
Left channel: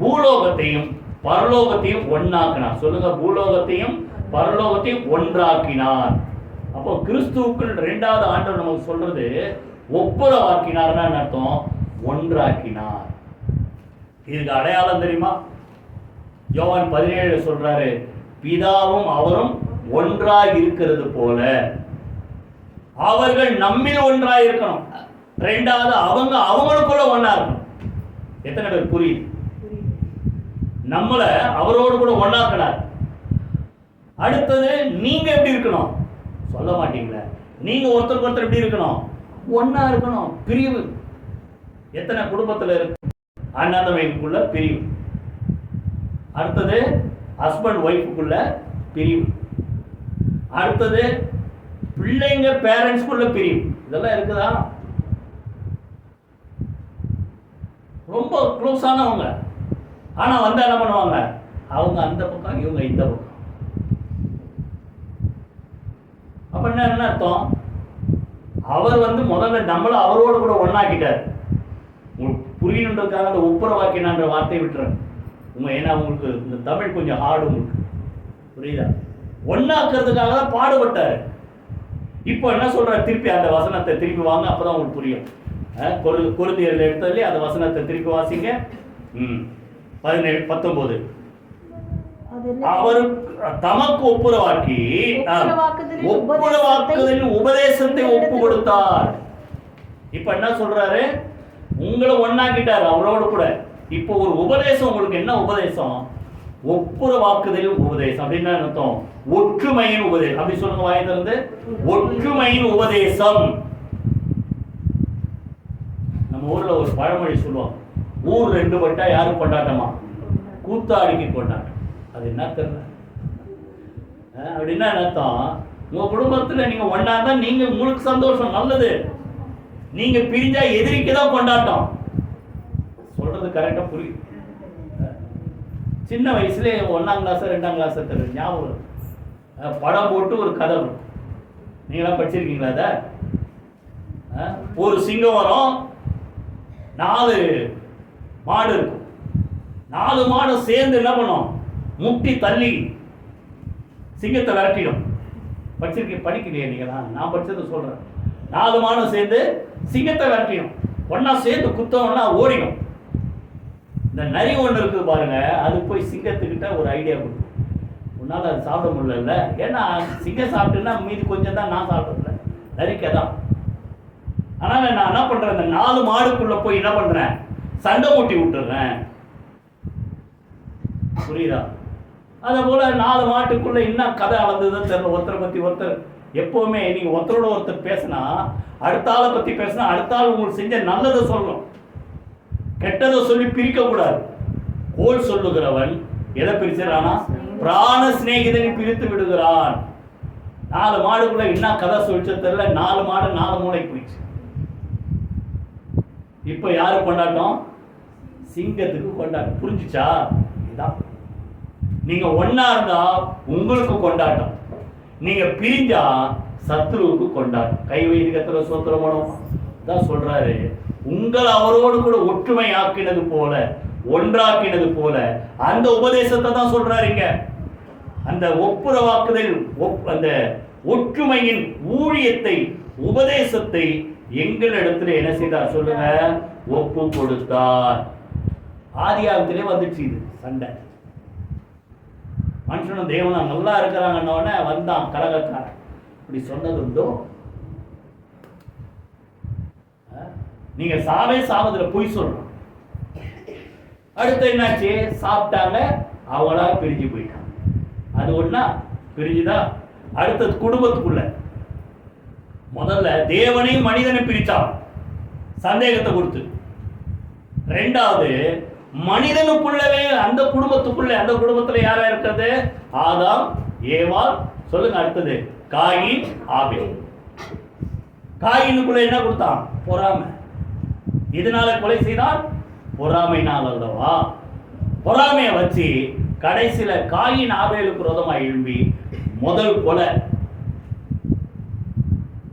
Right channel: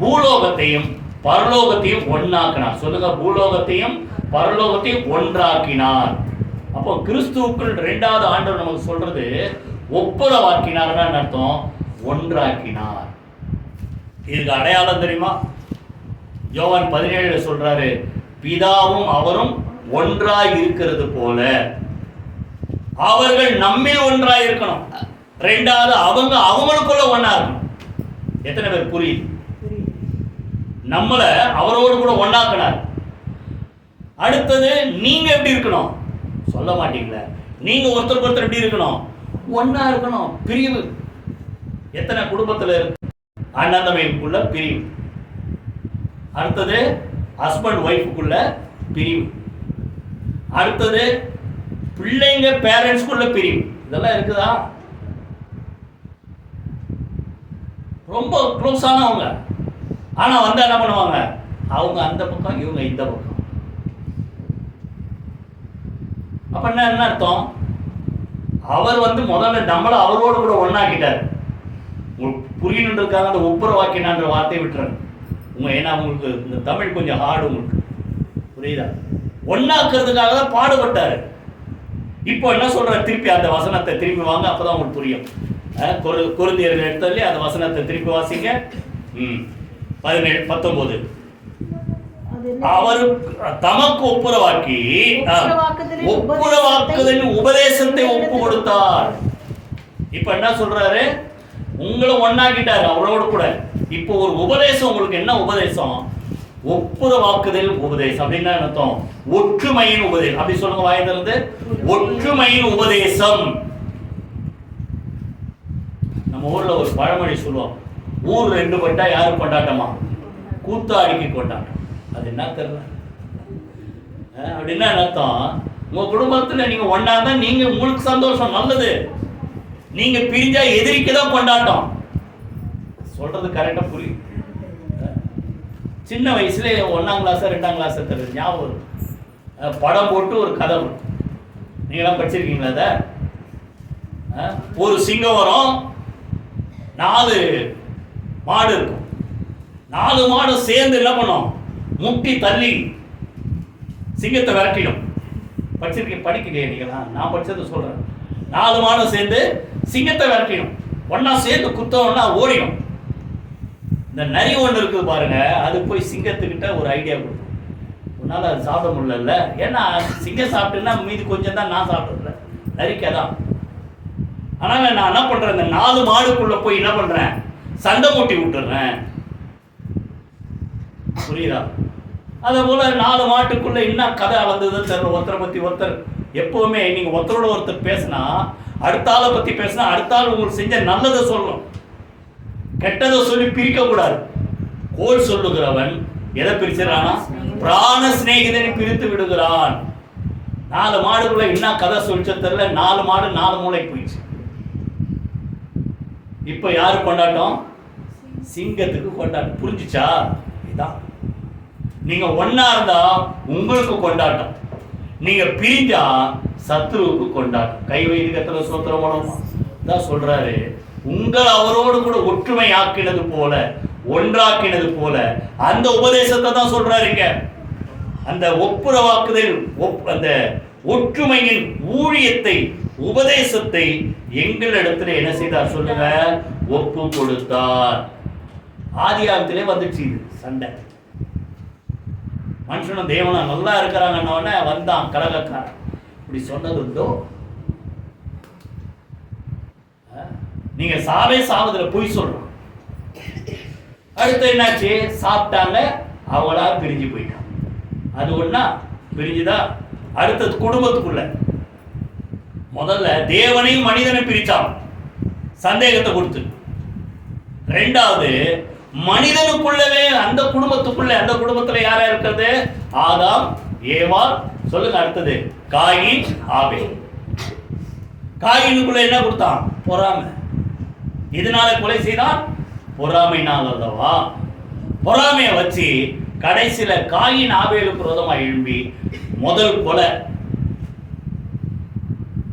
பூலோகத்தையும் பரலோகத்தையும் ஒன்னாக்கினார். சொல்லுங்க, பூலோகத்தையும் பரலோகத்தையும் ஒன்றாக்கினார். அப்போ கிறிஸ்துவுக்குள் 2வது ஆண்டவர் நமக்கு சொல்றது ஒப்புரவாக்கினார்னு அர்த்தம், ஒன்றாக்கினார். இதுக்கு அடையாளம் தெரியுமா? யோவான் 17 சொல்றாரு, பிதாவும் அவரும் ஒன்றாய் இருக்கிறது போல அவர்கள் நம்மில் ஒன்றாய் இருக்கணும். ரெண்டாவது அவங்களுக்குள்ள ஒண்ணா இருக்கணும். எத்தனை பேர் புரியுது? நம்மளை அவரோடு கூட ஒண்ணாக்கினார். அடுத்தது நீங்க எப்படி இருக்கணும்? சொல்ல மாட்டீங்களே. நீங்க ஒருத்தருக்கு ஒருத்தர் எப்படி இருக்கணும்? ஒண்ணா இருக்கணும். பிரிவு எத்தனை குடும்பத்தில் இருக்கு? அண்ணன் தம்பிக்குள்ள பிரிவு. அடுத்தது ஹஸ்பண்ட் ஒய்ஃபுக்குள்ள பிரிவு. அடுத்தது பிள்ளைங்க பேரண்ட்ஸ்குள்ள பிரிவு. இதெல்லாம் இருக்குதா? ரொம்ப க்ளோஸ் ஆனவங்க, ஆனா வந்து என்ன பண்ணுவாங்க? அவங்க அந்த பக்கம், இவங்க இந்த பக்கம். அப்ப என்ன அர்த்தம்? அவர் வந்து முதல்ல நம்மள அவரோடு கூட ஒண்ணாக்கிட்டார். உங்களுக்கு புரியணுன்றதுக்காக அந்த ஒப்புரவாக்கினான்ற வார்த்தையை விட்டுறேன். ஏன்னா உங்களுக்கு இந்த தமிழ் கொஞ்சம் ஹார்டு, உங்களுக்கு புரியுதா? ஒண்ணாக்குறதுக்காக தான் பாடுபட்டாரு. இப்போ என்ன சொல்ற? திருப்பி அந்த வசனத்தை திருப்பி வாங்க, அப்பதான் உங்களுக்கு புரியும். கொரிந்தியர்கள் எடுத்ததுலேயே அந்த வசனத்தை திருப்பி வாசிங்க. 17-19. அவர் தமக்கு ஒப்புரவாக்கி ஒப்புரவாக்குதலின் உபதேசத்தை ஒப்பு கொடுத்தார். இப்ப என்ன சொல்றாரு? உங்களை ஒண்ணாக்கிட்டாரு அவரோடு கூட. இப்போ ஒரு உபதேசம். உங்களுக்கு என்ன உபதேசம்? ஒப்புரவாக்குதல் உபதேசம். அப்படின்னா அர்த்தம் ஒற்றுமையின் உபதேசம். அப்படி சொல்லுங்க வாய் திறந்து. ஒற்றுமையின் உபதேசம். நம்ம ஊர்ல ஒரு பழமொழி சொல்லுவோம், ஊர் ரெண்டு பட்டா யாரும் கொண்டாட்டமா? கூத்தாடிக்கு கொண்டாட்டம். அது என்ன தெரியல. அப்படின்னா அர்த்தம், உங்க குடும்பத்துல நீங்க ஒண்ணா தான் நீங்க உங்களுக்கு சந்தோஷம், நல்லது. நீங்க பிரிஞ்சா எதிரிக்கு தான் கொண்டாட்டம். சொல்றது கரெக்டா புரியும். சின்ன வயசுல 1ஆம் கிளாஸ் 2ஆம் கிளாஸ் தெரியும், ஞாபகம் இருக்கும். படம் போட்டு ஒரு கதை வரும். நீங்களாம் படிச்சிருக்கீங்களா? அத ஒரு சிங்கம் வரும், 4 மாடு இருக்கும். 4 மாடு சேர்ந்து என்ன பண்ணும்? முட்டி தள்ளி சிங்கத்தை விரட்டிடும். படிக்கலையே நீங்களா? நான் படிச்சதை சொல்றேன். 4 மாடு சேர்ந்து சிங்கத்தை விரட்டிடும். ஒன்னா சேர்ந்து குத்தம்னா ஓடிடும். இந்த நரி ஒன்று இருக்குது பாருங்க, அது போய் சிங்கத்துக்கிட்ட ஒரு ஐடியா கொடுக்கும். உன்னால அது சாப்பிட முடியல, ஏன்னா சிங்கம் சாப்பிட்டுன்னா மீதி கொஞ்சம் தான் நான் சாப்பிடல, நரிக்கதான். ஆனால் நான் என்ன பண்றேன்? இந்த 4 மாடுக்குள்ள போய் என்ன பண்றேன்? சண்டை மூட்டி விட்டுறேன். புரியுதா? அதே போல 4 மாட்டுக்குள்ள என்ன கதை அளந்ததுன்னு தெரியல. ஒருத்தரை பத்தி ஒருத்தர், எப்பவுமே நீங்க ஒருத்தரோட ஒருத்தர் பேசினா, அடுத்த ஆளை பத்தி பேசினா அடுத்த ஆள் உங்களுக்கு செஞ்ச நல்லதை சொல்லணும், கெட்டதை சொல்லி பிரிக்க கூடாது. கோல் சொல்லுகிறவன் எதை பிரிச்சிடறானா? பிராண சிநேகிதனை பிரித்து விடுகிறான். 4 மாடுக்குள்ள என்ன கதை சொல்லிச்ச தெரியல. 4 மாடு 4 மூளைக்கு போயிடுச்சு. இப்ப யாரு கொண்டாட்டம்? சிங்கத்துக்கு கொண்டாட்டம். புரிஞ்சுச்சா? இதான். நீங்க ஒன்னா இருந்தா உங்களுக்கு கொண்டாட்டம், நீங்க பிரிஞ்சா சத்துருவுக்கு கொண்டாட்டம். கை வைதிகத்துல சோத்திரம் தான் சொல்றாரு, உங்கள் அவரோடு கூட ஒற்றுமை ஆக்கினது போல, ஒன்றாக்கினது போல. அந்த உபதேசத்தை தான் சொல்றாருங்க. அந்த ஒப்புரவாக்குதல், அந்த ஒற்றுமையின் ஊழியத்தை, உபதேசத்தை எங்களிடத்துல என்ன செய்தார் சொல்லுங்க? ஒப்பு கொடுத்தார். ஆதியாகத்திலே வந்துச்சு இது சண்டை. மனுஷனும் தேவனும் நல்லா இருக்கிறாங்கன்னொடனே வந்தான் கலகக்காரன். இப்படி சொன்னது உண்டோ? நீங்க சாவதுல பொய் சொல்றோம். அடுத்து என்னாச்சு? சாப்பிட்டாங்க, அவங்களா பிரிஞ்சு போயிட்டாங்க. அது ஒண்ணா பிரிஞ்சுதா? அடுத்தது குடும்பத்துக்குள்ள முதல்ல தேவனையும் மனிதனை பிரிச்சான், சந்தேகத்தை கொடுத்து. ரெண்டாவது மனிதனுக்குள்ளவே அந்த குடும்பத்துக்குள்ள, அந்த குடும்பத்துல யாரா இருக்கிறது? ஆதாம் ஏவாள். சொல்லுங்க அடுத்தது காயின் ஆபேல். காயினுக்குள்ள என்ன கொடுத்தான்? பொறாமை. இதனால கொலை செய்தான், பொறாமைனால் அல்லவா? பொறாமையை வச்சு கடைசியில காயின் ஆபேலுக்கு விரோதமா எழும்பி முதல் கொலை.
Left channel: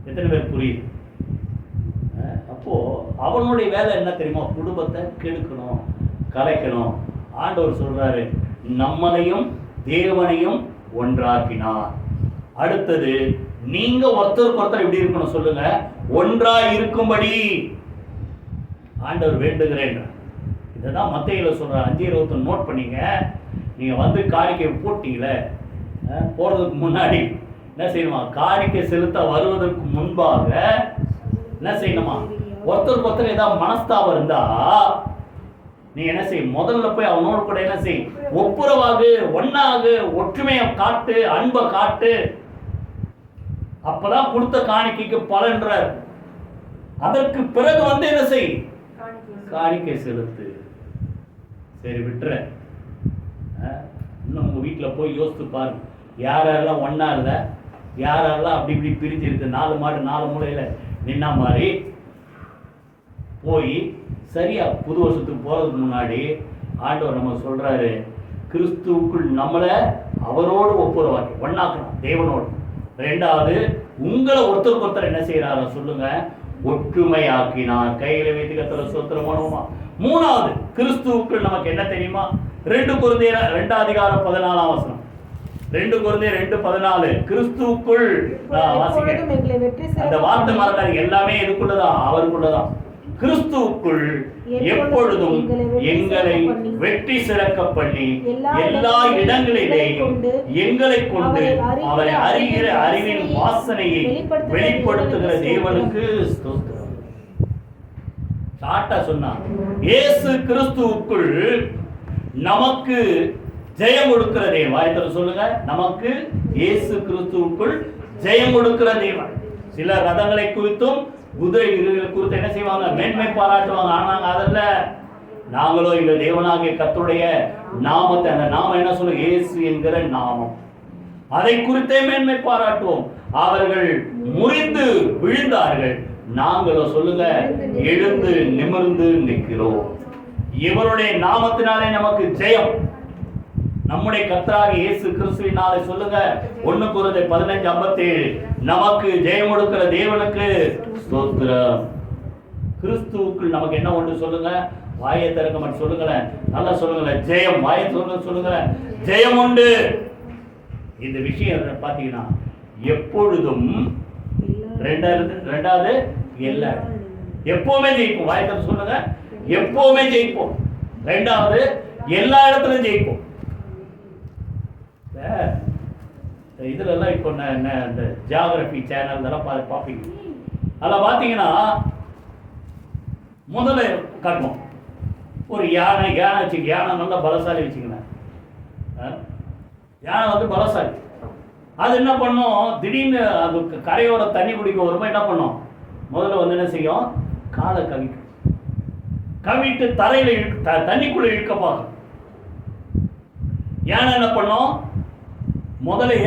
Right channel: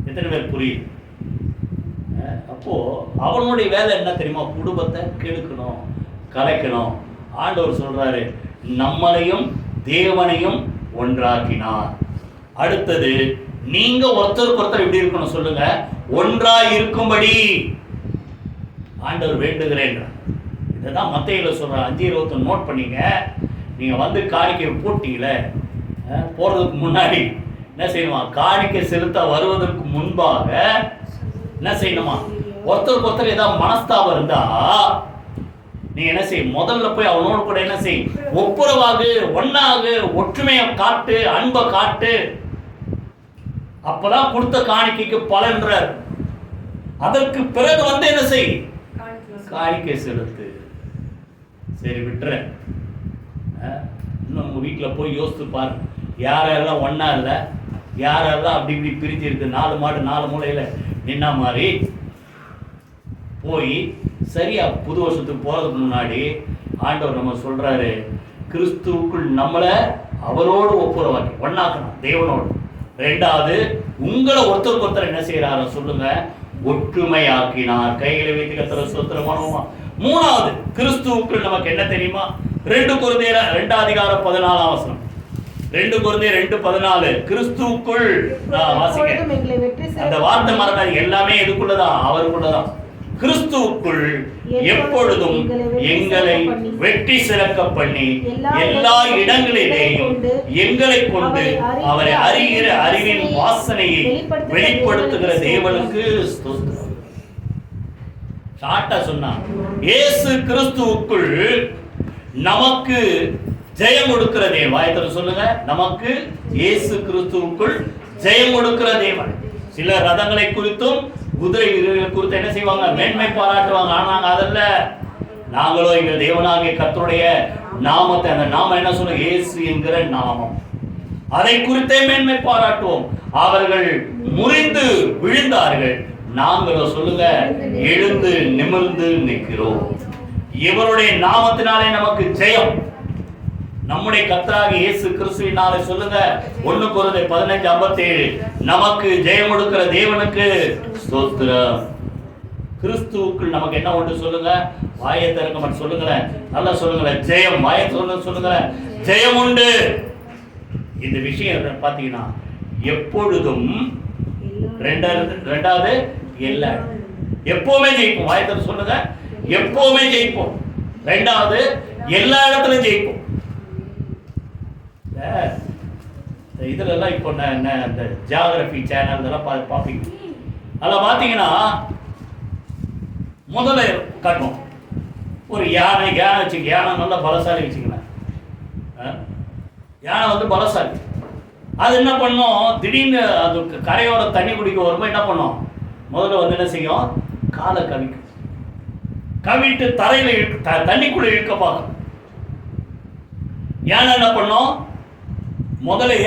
எத்தனை பேர் புரியுது? அப்போ அவனுடைய வேலை என்ன தெரியுமா? குடும்பத்தை கெடுக்கணும், கலைக்கணும். ஆண்டவர் சொல்றாரு, நம்மளையும் தேவனையும் ஒன்றாக்கினார். அடுத்தது நீங்க ஒருத்தருக்கு ஒருத்தர் எப்படி இருக்கணும் சொல்லுங்க? ஒன்றாய் இருக்கும்படி ஆண்டவர் வேண்டுகிறேன். இதைதான் மத்தேயுல சொல்ற 5:21 நோட் பண்ணீங்க. நீங்கள் வந்து காணிக்கை போட்டீங்களே, போகிறதுக்கு முன்னாடி என்ன செய்யணுமா? காணிக்கை செலுத்த வருவதற்கு முன்பாக என்ன செய்யணுமா? ஒருத்தருக்கு ஒருத்தர் ஏதாவது மனஸ்தாபம் இருந்தா நீ என்ன செய்? முதல்ல போய் அவனோடு கூட என்ன செய்? ஒப்புரவாகு, ஒன்னாகு, ஒற்றுமையை காட்டு, அன்பை காட்டு. அப்பதான் கொடுத்த காணிக்கைக்கு பலன்றார். அதற்கு பிறகு வந்து என்ன செய்? காணிக்கை செலுத்து. சரி விட்டுறேன். இன்னும் உங்க வீட்டில் போய் யோசித்து பாருங்க, யாரெல்லாம் ஒன்னா இல்லை, யாரெல்லாம் அப்படி இப்படி பிரிஞ்சு இருக்கு, 4 மாடு 4 மூலையில் நின்னா மாதிரி போய் சரியா புது வருஷத்துக்கு போகிறதுக்கு முன்னாடி ஆண்டவர் நம்ம சொல்கிறாரு, கிறிஸ்துவுக்குள் நம்மளை அவரோடு ஒப்புரவாக்கி ஒன்னாக்கணும் தேவனோடு. 2வது, உங்களை ஒருத்தருக்கு ஒருத்தர் என்ன செய்கிறாரோ சொல்லுங்க, ஒற்றுமையாக்கினார். கைகளை வைத்து கர்த்தரை ஸ்தோத்திரம் பண்ணுவோமா? 3வது, கிறிஸ்துவுக்குள் நமக்கு என்ன தெரியுமா? 2 கொரிந்தியர் 2:14 2 கொரிந்தியர் 2:14 கிறிஸ்துவுக்குள் வாசிக்க. அந்த வார்த்தை மறக்காது, எல்லாமே எதுக்குள்ளதான்? அவருக்குள்ளதான். கிறிஸ்துவுக்குள் எப்பொழுதும் எங்களை வெற்றி சிறக்க பண்ணி எல்லா இடங்களிலேயும் எங்களை கொண்டு அவரை அறிகிற அறிவின் வாசனையை வெளிப்படுத்துகிற தேவனுக்கு ஷார்ட்டா சொன்னா, இயேசு கிறிஸ்துவுக்குள் நமக்கு ஜெயம் கொடுக்கிற தேவன். வாயத்தோட சொல்லுங்க, நமக்கு இயேசு கிறிஸ்துவுக்குள் ஜெயம் கொடுக்கிற தேவன். சில ரதங்களை குறித்தும் குதிரை வீரர்களை குறித்து என்ன செய்வாங்க? மேன்மை பாராட்டுவாங்க. ஆனாங்க அதல்ல, நாங்களோ எங்கள் தேவனாகிய கர்த்தருடைய நாமத்தை, அந்த நாமம் என்ன சொல்லுங்க? இயேசு என்கிற நாமம். அதை குறித்தே மேன்மை பாராட்டுவோம். அவர்கள் முறிந்து விழுந்தார்கள், நாங்களோ சொல்லுங்க எழுந்து நிமிர்ந்து நிற்கிறோம். இவருடைய நாமத்தினாலே நமக்கு ஜெயம். நம்முடைய கர்த்தராகிய இயேசு கிறிஸ்துவினாலே சொல்லுங்க, 1 கொரிந்தியர் 15:57 நமக்கு ஜெயம் கொடுக்கிற தேவனுக்கு ஸ்தோத்திரம். கிறிஸ்துவுக்குள் நமக்கு என்ன உண்டு சொல்லுங்க? வாயை திறக்க மாட்டேன் சொல்லுங்களேன், நல்லா சொல்லுங்களேன், ஜெயம். வாயை சொல்லுங்களேன், ஜெயம் உண்டு. இந்த விஷயம் பார்த்தீங்கன்னா எப்பொழுதும் 2வது எல்லா எப்பவுமே ஜெயிப்போம். வாயை திறக்க சொல்லுங்க, எப்பவுமே ஜெயிப்போம். 2வது எல்லா இடத்துலையும் ஜெயிப்போம். இதுலலாம் இப்போ இந்த ஜியாகிரபி சேனல் இதெல்லாம் பார்ப்பீங்க. அதில் பார்த்தீங்கன்னா முதல்ல காட்டுவோம் ஒரு யானை வச்சுக்க. யானை நல்லா பலசாலி வச்சுக்கணும். யானை வந்து பலசாலி. அது என்ன பண்ணும்? திடீர்னு அது கரையோட தண்ணி குடிக்க வரும்போது என்ன பண்ணும்? முதல்ல வந்து என்ன செய்யும்? காலை கவிக்கும். கவிட்டு தரையில் தண்ணிக்குள்ளே இழுக்க பார்க்கும். யானை என்ன பண்ணும்? முதலைய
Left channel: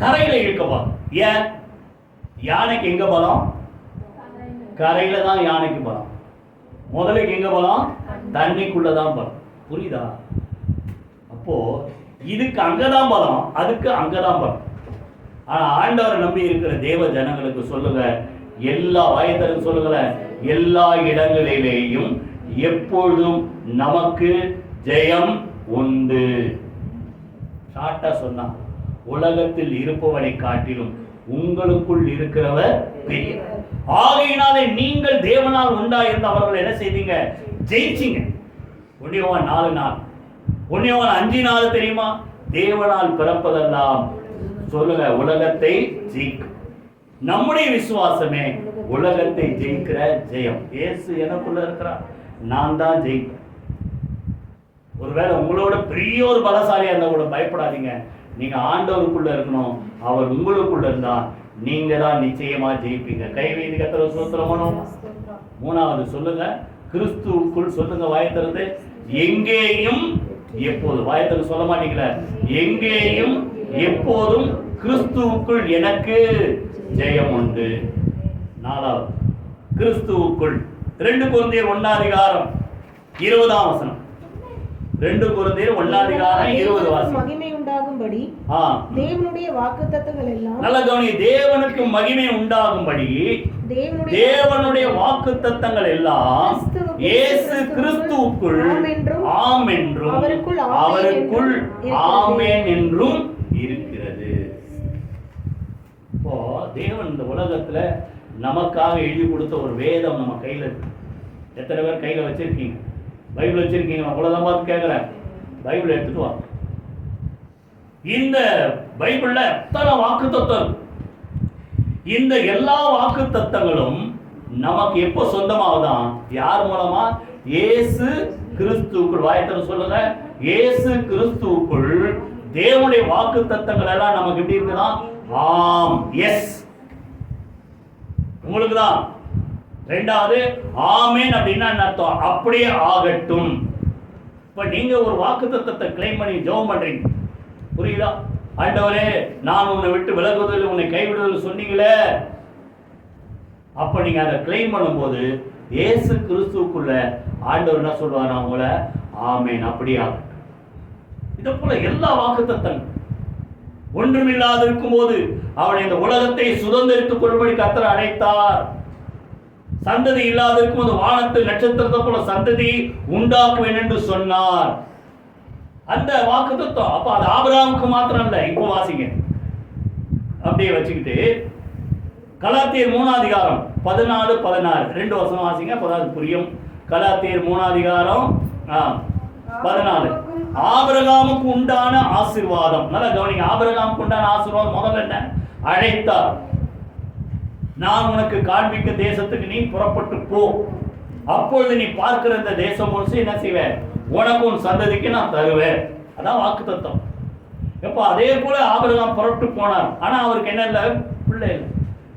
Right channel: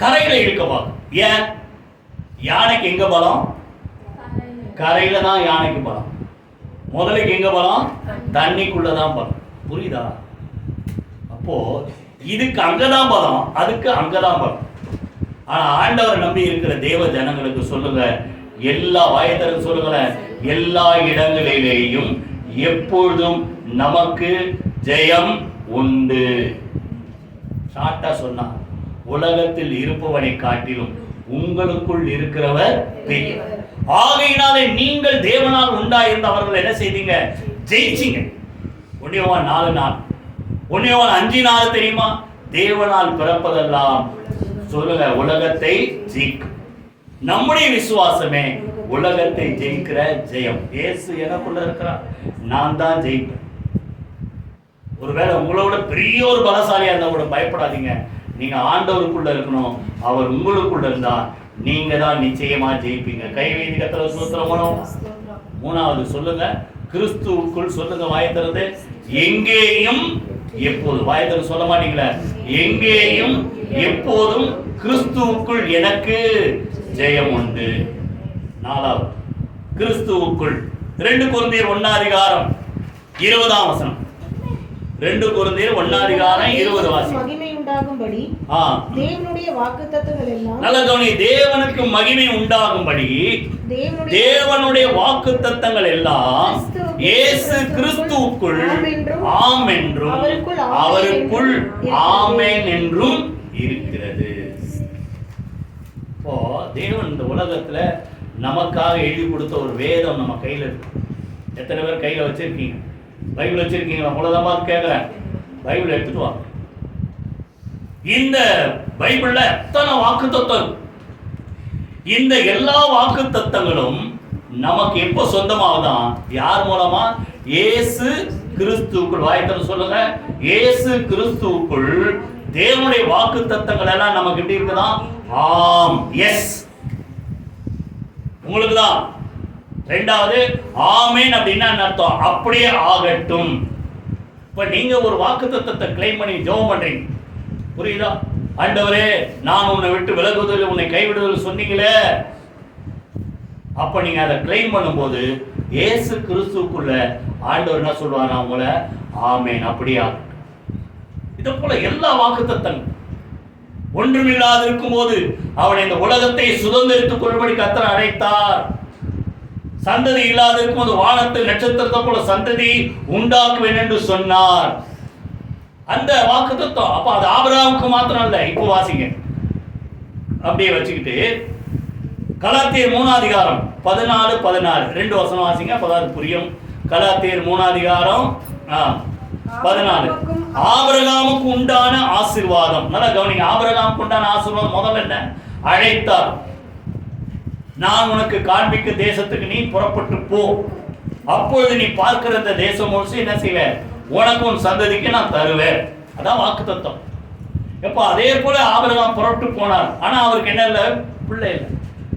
கரையில் இழுக்க பார்க்கும். ஏன்? யானைக்கு எங்க பலம்? கரையில தான் யானைக்கு பலம். முதலைக்கு எங்க பலம்? தண்ணிக்குள்ளதான் பலம். புரியுதா? அப்போ இதுக்கு அங்கதான் பலம், அதுக்கு அங்கதான் பலம். ஆனா ஆண்டவரை நம்பி இருக்கிற தேவ ஜனங்களுக்கு சொல்லுங்க, எல்லா வயதரும் சொல்லுங்க, எல்லா இடங்களிலேயும் எப்பொழுதும் நமக்கு ஜெயம் உண்டு. ஷார்ட்டா சொன்னா, உலகத்தில் இருப்பவனை காட்டிலும் உங்களுக்குள் இருக்கிறவர் பெரியவர். ஆகையினாலே நீங்கள் தேவனால் உண்டாயிருந்த அவர்கள் என்ன செய்தீங்க? ஜெயிச்சிங்க. 1 யோவான் 4:4 1 யோவான் 5:4 தெரியுமா? தேவனால் பிறப்பதெல்லாம் சொல்லுங்க உலகத்தை ஜெயிக்கும். நம்முடைய விசுவாசமே உலகத்தை ஜெயிக்கிற ஜெயம். இயேசு எனக்குள்ள இருக்கிறார், நான் தான் ஜெயிப்பேன். ஒருவேளை உங்களோட பெரிய ஒரு பலசாலியா இருந்தா கூட பயப்படாதீங்க. நீங்க ஆண்டவருக்குள்ள இருக்கணும், அவர் உங்களுக்குள்ள இருந்தா நீங்க தான் நிச்சயமா ஜெயிப்பீங்க. கைவேதி கர்த்தரை ஸ்தோத்திரம் பண்ணுவோம். 3வது சொல்லுங்க, கிறிஸ்துவுக்குள் சொல்லுங்க. வாயத்திறந்து எங்கேயும் எப்போது. வாயத்திறந்து சொல்ல மாட்டீங்களா? எங்கேயும் எப்போதும் கிறிஸ்துவுக்குள் எனக்கு ஜெயம் உண்டு. 4வது கிறிஸ்துவுக்குள் 2 கொரிந்தியர் 1:20 2 கொரிந்தியர் 1:20 வாசி. மகிமை உண்டாகும்படி தேவனுடைய வாக்குத்தத்தங்கள் எல்லாம், நல்ல கவனி, தேவனுக்கு மகிமை உண்டாகும்படி தேவனுடைய வாக்குத்தத்தங்கள் எல்லாம் இயேசு கிறிஸ்துவுக்குள் ஆம் என்றும் அவருக்குள் ஆமென் என்றும் இருக்கிறது. இப்போ தேவன் இந்த உலகத்துல நமக்காக எழுதி கொடுத்த ஒரு வேதம் நம்ம கையில இருக்கு. எத்தனை பேர் கையில வச்சிருக்கீங்க? பைபிள் வச்சிருக்கீங்களா? உங்களதான் பார்த்து கேட்குறேன். பைபிள் எடுத்துட்டு வா. இந்த பைபிள்ல எத்தனை வாக்குத்தத்தம், இந்த எல்லா வாக்குத்தத்தங்களும் நமக்கு எப்போ சொந்தமாகுதான்? யார் மூலமா? இயேசு கிறிஸ்துவுக்குள். வாயத்தன்னு சொல்லுங்க, இயேசு கிறிஸ்துவுக்குள் தேவனுடைய வாக்குத்தத்தங்கள் எல்லாம் நமக்கு எப்படி இருக்குதா? ஆம், எஸ், உங்களுக்கு தான். ரெண்டாவது, ஆமேன் அப்படின்னா என்ன அர்த்தம்? அப்படியே ஆகட்டும். இப்ப நீங்க ஒரு வாக்குத்தத்தத்தை கிளைம் பண்ணி ஜெபம் பண்றீங்க, புரியுதா? ஆண்டவரே, நான் உன்னை விட்டு விலகுதல், உன்னை கைவிடுதல் சொன்னீங்களே, அப்ப நீங்க அதை கிளைம் பண்ணும்போது இயேசு கிறிஸ்துவுக்குள்ள ஆண்டவர் என்ன சொல்லுவாங்க? அவங்கள ஆமேன் அப்படியே ஆகட்டும். இதை போல எல்லா வாக்குத்தத்தங்கள். ஒன்றுமில்லாது இருக்கும்போது அவனை இந்த உலகத்தை சுதந்திரித்துக் கொள்ளும்படி கர்த்தர் அழைத்தார். சந்ததி இல்லாது இருக்கும்போது வானத்தில் நட்சத்திரத்தை போல சந்ததி உண்டாக்குவேன் என்று சொன்னார். அந்த வாக்குத்தத்தம். அப்ப அது ஆபிரகாமுக்கு மாத்திரம் இல்ல. இப்போ வாசிங்க, அப்படியே வச்சுக்கிட்டு கலாத்தியர் 3ஆம் அதிகாரம் 14-16 2 வசனம் வாசிங்க, அப்பதான் புரியும். கலாத்தியர் 3ஆம் அதிகாரம் 14. ஆபிரகாமுக்கு உண்டான ஆசீர்வாதம். நல்லா கவனிங்க, ஆபிரகாமுக்கு உண்டான ஆசீர்வாதம் முதல்ல என்ன? அழைத்தார். நான் உனக்கு காண்பிக்க தேசத்துக்கு நீ புறப்பட்டு போ, அப்பொழுது நீ பார்க்கிற இந்த தேசம் முழுசு என்ன செய்வேன்? உனக்கு உன் சந்ததிக்கு நான் தருவேன். அதான் வாக்குத்தத்தம். எப்போ அதே போல ஆபிரகாம் புறப்பட்டு போனார். ஆனா அவருக்கு என்ன இல்லை? பிள்ளை இல்லை.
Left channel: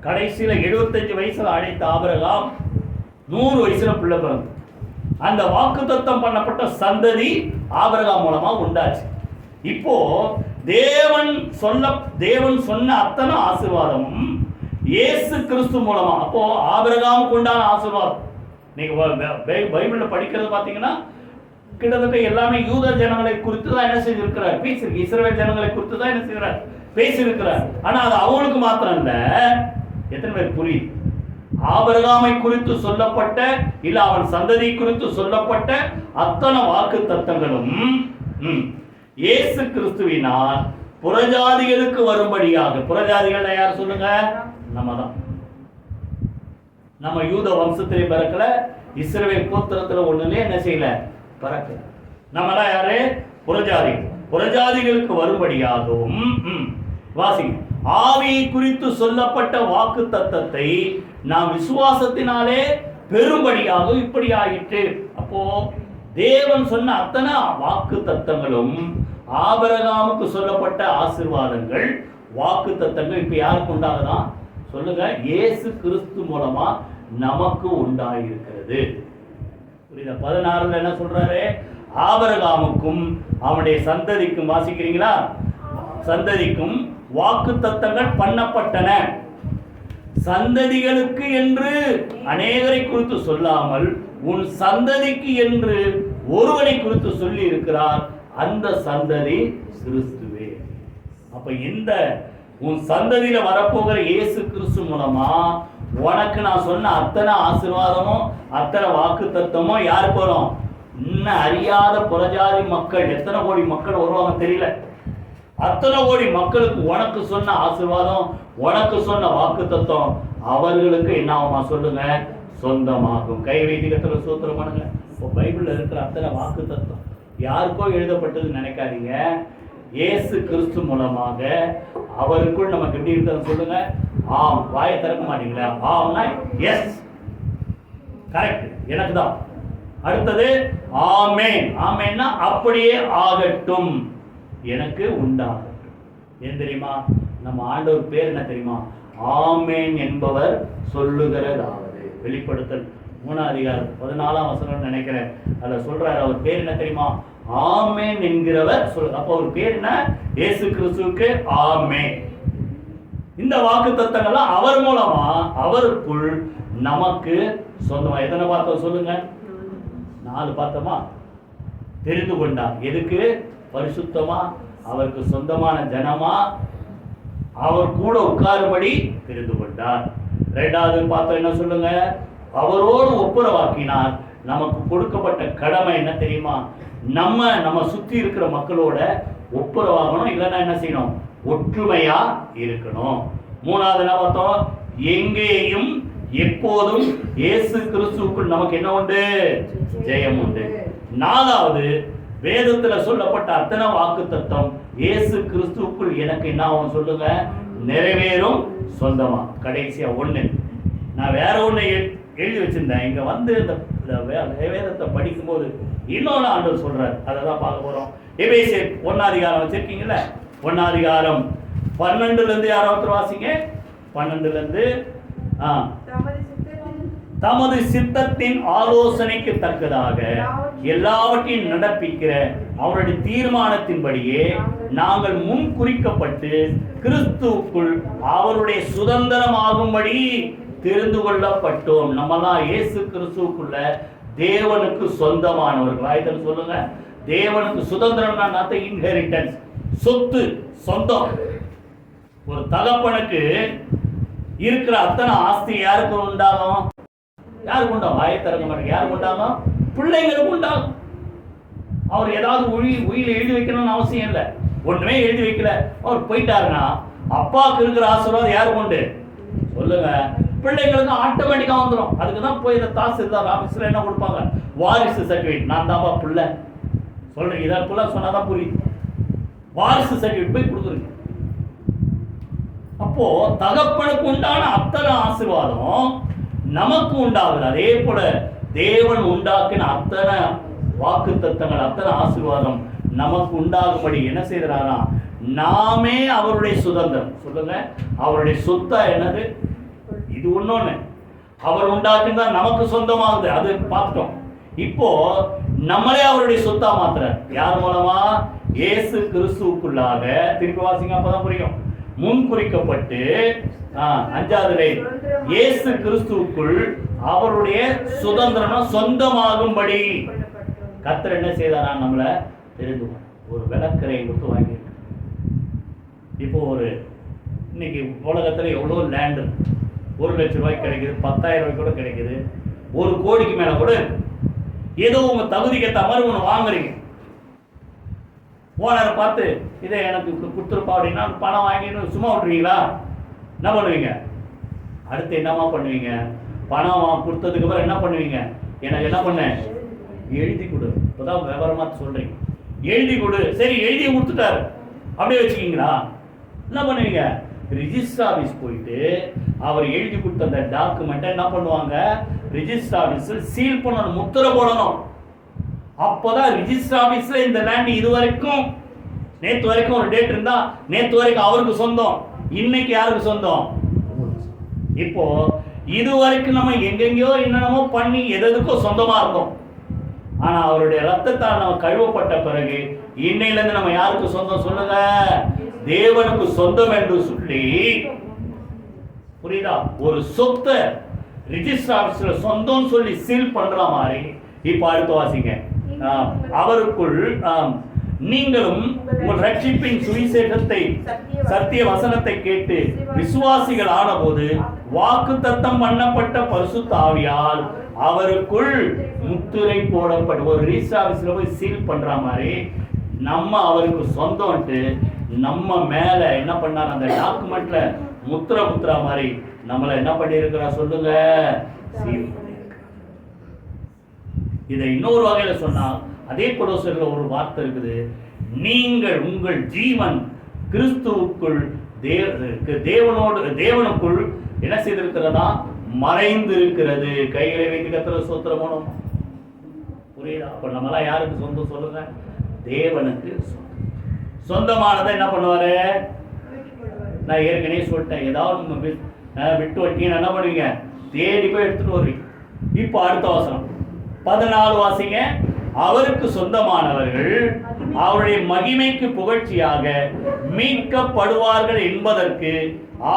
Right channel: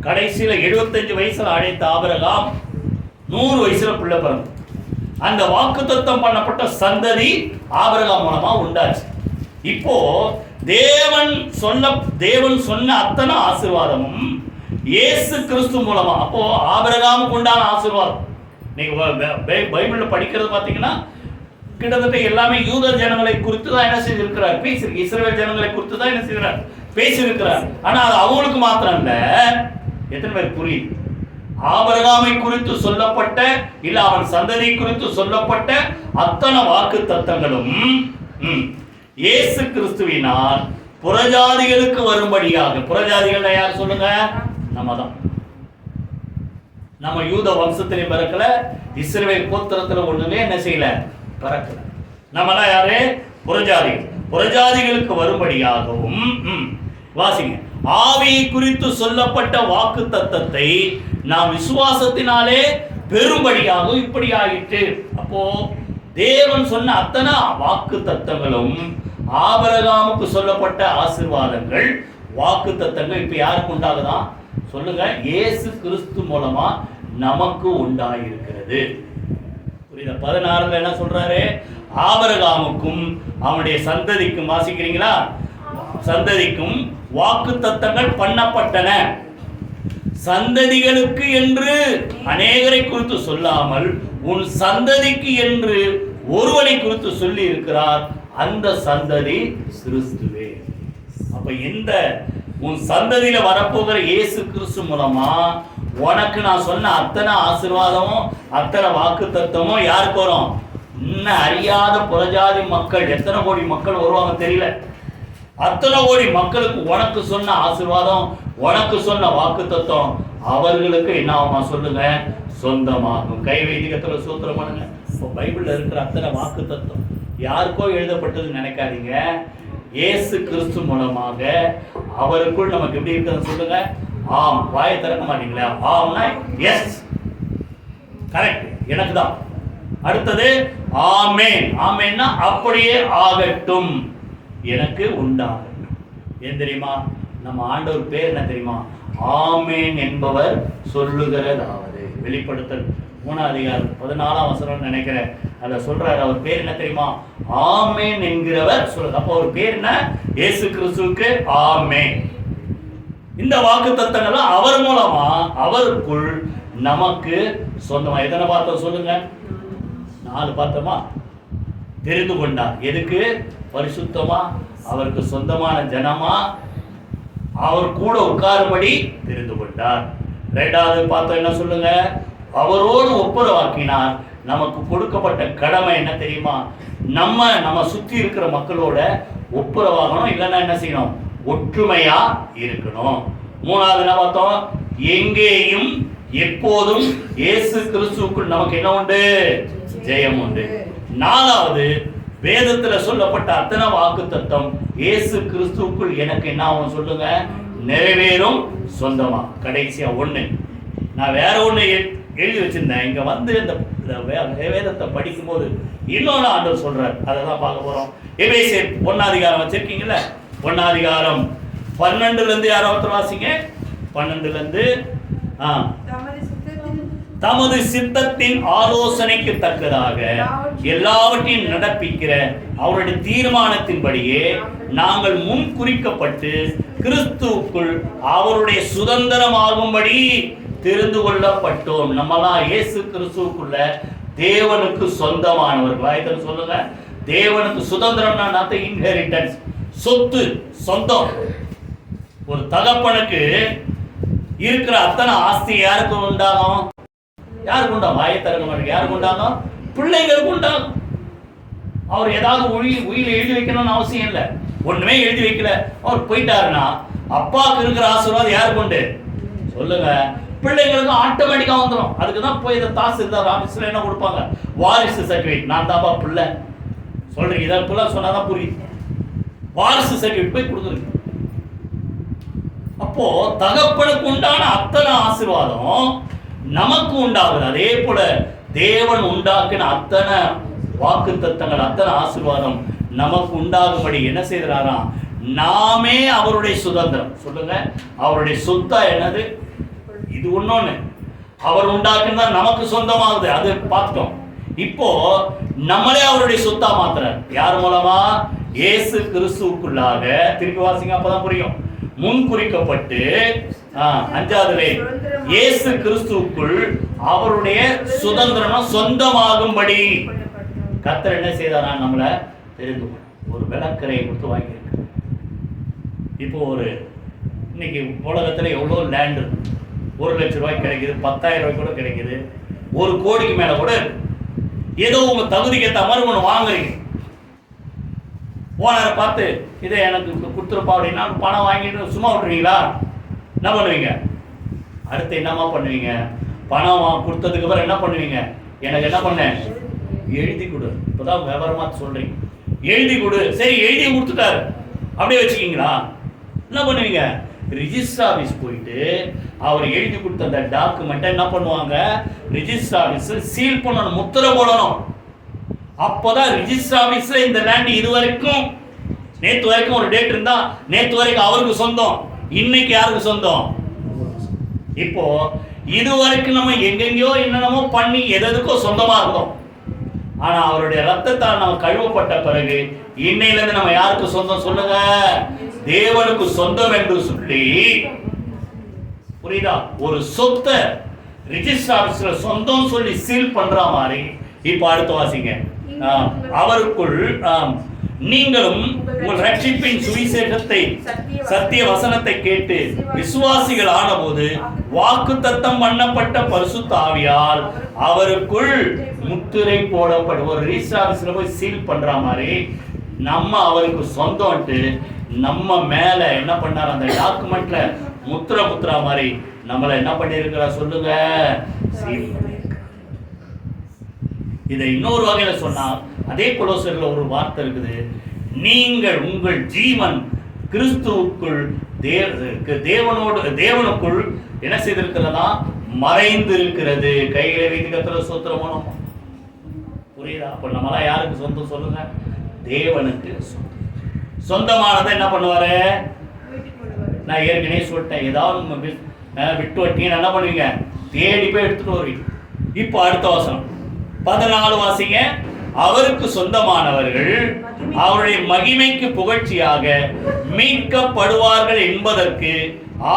கடைசியில 75 வயசுல அழைத்த ஆபிரகாம் 100 வயசுல பிள்ளை பிறந்து, அந்த வாக்குத்தத்தம் பண்ணப்பட்ட சந்ததி ஆபிரகாம் மூலமா உண்டாச்சு. இப்போ தேவன் சொன்ன அத்தனை ஆசீர்வாதமும் இயேசு கிறிஸ்து மூலமா. அப்போ ஆபிரகாமுக்கு உண்டான ஆசீர்வாதம் நீங்க பைபிள்ல படிக்கிறது பாத்தீங்கன்னா கிட்டத்தட்ட எல்லாமே யூத ஜனங்களை குறித்து தான் என்ன செய்திருக்கிறார்? பேசியிருக்கு. இஸ்ரவேல் ஜனங்களை குறித்து தான் என்ன செய்கிறார்? பேசியிருக்கிறார். ஆனா அது அவங்களுக்கு மாத்திரம் இல்ல. எத்தனை பேர் புரியுது? ஆபிரகாமை குறித்து சொல்லப்பட்ட, இல்ல அவன் சந்ததி குறித்து சொல்லப்பட்ட அத்தனை வாக்கு தத்தங்களும் இயேசு கிறிஸ்துவினால் புறஜாதிகளுக்கு வரும்படியாக. புறஜாதிகள் யார் சொல்லுங்க? நம்ம தான். நம்ம யூத வம்சத்திலே பிறக்கல, இஸ்ரவேல் கோத்திரத்துல ஒண்ணுமே என்ன செய்யல? பிறக்கல. நம்மளாம் யாரு? புறஜாதிகள். புறஜாதிகளுக்கு வரும்படியாகவும். வாசிங்க. ஆவியை குறித்து சொல்லப்பட்ட வாக்கு தத்தத்தை நாம் விசுவாசத்தினாலே பெரும்படியாக இப்படி ஆயிற்று. அப்போ தேவன் சொன்ன அத்தனை வாக்கு தத்தங்களும், ஆபிரகாமுக்கு சொல்லப்பட்ட ஆசீர்வாதங்கள், வாக்கு தத்தங்கள் இப்ப யாருக்கு உண்டாகுதான்? சொல்லுங்க, இயேசு கிறிஸ்து மூலமா நமக்கு உண்டாயிருக்கிறது. புரியுதா? 16 என்ன சொல்றாரு? ஆபிரகாமுக்கும் அவனுடைய சந்ததிக்கும், வாசிக்கிறீங்களா? சந்ததிக்கும் வாக்கு தத்தங்கள் பண்ணப்பட்டன. சந்ததிகளுக்கு என்று அநேகரை குறித்து சொல்லாமல் உன் சந்ததிக்கு என்று ஒருவனை குறித்து சொல்லி இருக்கிறார். அந்த சந்ததி கிறிஸ்துவே. அப்ப இந்த உன் சந்ததியில வரப்போகிற இயேசு கிறிஸ்து மூலமா உனக்கு நான் சொன்ன அத்தனை ஆசீர்வாதமும் அத்தனை வாக்கு தத்தமும் யாருக்கு வரும்? இன்னும் அறியாத புறஜாதி மக்கள், எத்தனை கோடி மக்கள் வருவாங்க தெரியல. அத்தனை கோடி மக்களுக்கு உனக்கு சொன்ன ஆசீர்வாதம், உனக்கு சொன்ன வாக்கு தத்துவம் அவர்களுக்கு என்ன ஆகுமா? சொல்லுங்க, சொந்தமாகும். கை வைதிகத்துல சூத்திரம் பண்ணுங்க. இப்போ பைபிள்ல இருக்கிற அத்தனை வாக்கு தத்துவம் யாருக்கோ எழுதப்பட்டதுன்னு நினைக்காதீங்க. இயேசு கிறிஸ்து மூலமாக அவருக்குள் நமக்கு எப்படி இருக்குதுன்னு சொல்லுங்க. ஆம். வாயை திறக்க மாட்டீங்களா? ஆம்னா எஸ், கரெக்ட், எனக்கு தான். அடுத்தது ஆமேன். ஆமேன்னா அப்படியே ஆகட்டும், எனக்கு உண்டாகட்டும். ஏன் தெரியுமா? நம்ம ஆண்டவர் பேர் என்ன தெரியுமா? ஆமேன் என்பவர் சொல்லுகிறதாவது. வெளிப்படுத்தல் 3ஆம் அதிகாரம் 14ஆம் வசனம் நினைக்கிறேன், அதில் சொல்றாரு. அவர் பேர் என்ன தெரியுமா? ஆமேன் என்கிறவர் சொல்லுங்க. அப்போ அவர் பேர் என்ன? இயேசு கிறிஸ்துவுக்கு ஆமேன். இந்த வாக்கு தத்தங்கள்லாம் அவர் மூலமா அவருக்குள் நமக்கு சொந்தமா. எத்தனை பார்த்தோம் சொல்லுங்க? 4 பார்த்தோமா? தெரிந்து கொண்டார். எதுக்கு? பரிசுத்தமா, அவருக்கு சொந்தமான ஜனமா, அவர் கூட உட்காரும்படி தெரிந்து கொண்டார். 2வது பார்த்தோம் என்ன சொல்லுங்க? அவரோடு ஒப்புரவாக்கினார். நமக்கு கொடுக்கப்பட்ட கடமை என்ன தெரியுமா? நம்ம சுத்தி இருக்கிற மக்களோட ஒப்புரவாகணும். இல்லைன்னா என்ன செய்யணும்? ஒற்றுமையா இருக்கணும். 3வது என்ன பார்த்தோம்? எங்கேயும் எப்போதும் இயேசு கிறிஸ்துவுக்குள் நமக்கு என்ன உண்டு? ஜெயம் உண்டு. 4வது வேதத்தில் சொல்லப்பட்ட அத்தனை வாக்குத்தத்தம் இயேசு கிறிஸ்துவுக்குள் எனக்கு என்ன ஆகும் சொல்லுங்க, நிறைவேறும் சொந்தமா. கடைசியா ஒண்ணு நான் வேற ஒண்ணு எழுதி வச்சிருந்தேன். இங்க வந்து இந்த வேதத்தை படிக்கும்போது இன்னொன்று ஆண்டவர் சொல்றார், அதை தான் பார்க்க போறோம். எபேசியர் 1 வச்சிருக்கீங்கல்ல, 1 12 யாராவது வாசிங்க. 12 தமது சித்தத்தின் ஆலோசனைக்கு தக்கதாக எல்லாவற்றையும் நடப்பிக்கிற அவருடைய தீர்மானத்தின்படியே நாங்கள் முன் குறிக்கப்பட்டு கிறிஸ்துவுக்குள் அவருடைய சுதந்திரமாகும்படி தெரிந்து கொள்ளப்பட்டோம். நம்மலாம் இயேசு கிறிஸ்துவுக்குள்ள தேவனுக்கு சொந்தமானவர்கள். சொல்லுங்க, தேவனுக்கு சுதந்திரம்னா இன்ஹெரிட்டன்ஸ், சொத்து, சொந்தம். ஒரு தகப்பனுக்கு இருக்கிற அத்தனை ஆஸ்தி யாருக்கு உண்டாகும்? யாருக்கு உண்டாகும்? வாயை திறக்க மாட்டேங்க. யாருக்கு உண்டாகும்? பிள்ளைங்களுக்கு உண்டாகும். அவர் ஏதாவது உயிரை எழுதி வைக்கணும்னு அவசியம் இல்லை. ஒண்ணுமே எழுதி வைக்கல, அவர் போயிட்டாருன்னா அப்பாவுக்கு இருக்கிற ஆசீர்வாதம் யாருக்கு உண்டு சொல்லுங்க? பிள்ளைங்களுக்கு ஆட்டோமேட்டிக்கா வந்துடும். அதுக்கு தான் போய் இந்த தாசில்தார் ஆபீஸ்ல என்ன கொடுப்பாங்க, வாரிசு சர்டிஃபிகேட். நான் தாப்பா பிள்ளை சொல்றீங்க, இதை பிள்ளை சொன்னாதான் புரியுது. வாரிசு சர்டிஃபிகேட் போய் கொடுக்குறீங்க. அப்போ தகப்பனுக்கு உண்டான அத்தனை ஆசீர்வாதம் நமக்கு உண்டாகுது. அதே போல தேவன் உண்டாக்கின அத்தனை வாக்குத்தத்தங்கள், அத்தனை ஆசீர்வாதம் நமக்கு உண்டாகும்படி என்ன செய்கிறாராம்? நாமே அவருடைய சுதந்திரம். சொல்லுங்க, அவருடைய சொத்தா என்னது? இது ஒண்ணு அவர் உண்டாக்குனா நமக்கு சொந்தமாகுது, அது பார்த்துட்டோம். இப்போ நம்மளே அவருடைய சொத்தா மாத்துறார். யார் மூலமா? இயேசு கிறிஸ்துவுக்குள்ளாக. திருப்பி வாசிங்க, அப்பதான் புரியும். முன் குறிக்கப்பட்டு 5 இயேசு கிறிஸ்துவுக்குள் அவருடைய சுதந்திரம் சொந்தமாகும்படி கர்த்தர் என்ன செய்தாரா? நம்மளை தெரிந்து ஒரு விளக்கரையை கொடுத்து வாங்கியிருக்கு. இப்போ இன்னைக்கு உலகத்தில் எவ்வளோ லேண்டு 1 லட்சம் ரூபாய்க்கு கிடைக்குது, 10,000 ரூபாய்க்கு கூட கிடைக்குது, 1 கோடிக்கு மேலே கூட. ஏதோ உங்க தகுதிக்கு ஏற்ற மாதிரி ஒன்று வாங்குறீங்க. ஓனரை பார்த்து இதை எனக்கு கொடுத்துருப்பா அப்படின்னா பணம் வாங்கிட்டு சும்மா விட்டுருவீங்களா? என்ன பண்ணுவீங்க? அடுத்து என்னமா பண்ணுவீங்க? பணம் கொடுத்ததுக்கு அப்புறம் என்ன பண்ணுவீங்க? எனக்கு என்ன பண்ண, எழுதி கொடு. இப்போதான் விவரமா சொல்றீங்க, எழுதி கொடு. சரி, எழுதி கொடுத்துட்டாரு, அப்படியே வச்சுக்கிங்களா? என்ன பண்ணுவீங்க? ரிஜிஸ்டர் ஆஃபீஸ் போயிட்டு அவர் எழுதி கொடுத்த அந்த டாக்குமெண்ட்டை என்ன பண்ணுவாங்க? ரிஜிஸ்டர் ஆஃபீஸில் சீல் பண்ணணும், முத்திரை போடணும். அப்போதான் ரிஜிஸ்டர் ஆஃபீஸில் இந்த லேண்ட் இது வரைக்கும், நேற்று வரைக்கும் ஒரு டேட் இருந்தா நேற்று வரைக்கும் அவருக்கு சொந்தம், இன்னைக்கு யாருக்கு சொந்தம்? இப்போ இது வரைக்கும் நம்ம எங்கெங்கயோ என்னென்னமோ பண்ணி எதுக்கோ சொந்தமா இருந்தோம். ஆனா அவருடைய ரத்தத்தால் நம்ம கழுவப்பட்ட பிறகு இன்னையிலிருந்து நம்ம யாருக்கு சொந்தம் சொல்லுங்க? தேவனுக்கு சொந்தம் என்று சொல்லி, புரியுதா? ஒரு சொத்தை ரிஜிஸ்டர் ஆபீஸ்ல சொந்தம் சொல்லி சீல் பண்ற மாதிரி. இப்ப அடுத்த வாசிங்க. அவருக்குள் நீங்களும் உங்கள் ரட்சிப்பின் சுவிசேஷத்தை, சத்திய வசனத்தை கேட்டு விசுவாசிகள் ஆனபோது வாக்குத்தத்தம் பண்ணப்பட்ட பரிசுத்த ஆவியால் அவருக்குள் முத்திரை போடப்படும். ஒரு ரிஜிஸ்டர் ஆபீஸ்ல போய் சீல் பண்ற மாதிரி நம்ம அவருக்கு சொந்தம்ட்டு நம்ம மேல என்ன பண்ணார்? அந்த டாக்குமெண்ட்ல முத்திரா மாதிரி நம்மள என்ன பண்ணிருக்கிறா சொல்லுங்க? சீல். இதை இன்னொரு வகையில சொன்னா, அதே கொலோசையர்ல ஒரு வார்த்தை இருக்குது, நீங்கள் உங்கள் ஜீவன் கிறிஸ்துவுக்குள் தேவனுக்குள் என்ன செய்திருக்கிறதா? மறைந்து இருக்கிறது. கையில வைத்து கர்த்தரை ஸ்தோத்திரம் பண்ணணும். புரியுதா? அப்ப நம்மளாம் யாருக்கு சொந்தம் சொல்லுங்க? தேவனுக்கு சொந்தமானதை என்ன பண்ணுவாரு? நான் ஏற்கனவே சொல்லிட்டேன், ஏதாவது விட்டு வட்டீங்கன்னு என்ன பண்ணுவீங்க? தேடி போய் எடுத்துட்டு வருவீங்க. இப்போ அடுத்த வசனம் 14 வாசிங்க. அவருக்கு சொந்தமானவர்கள் அவருடைய மகிமைக்கு புகழ்ச்சியாக மீட்கப்படுவார்கள் என்பதற்கு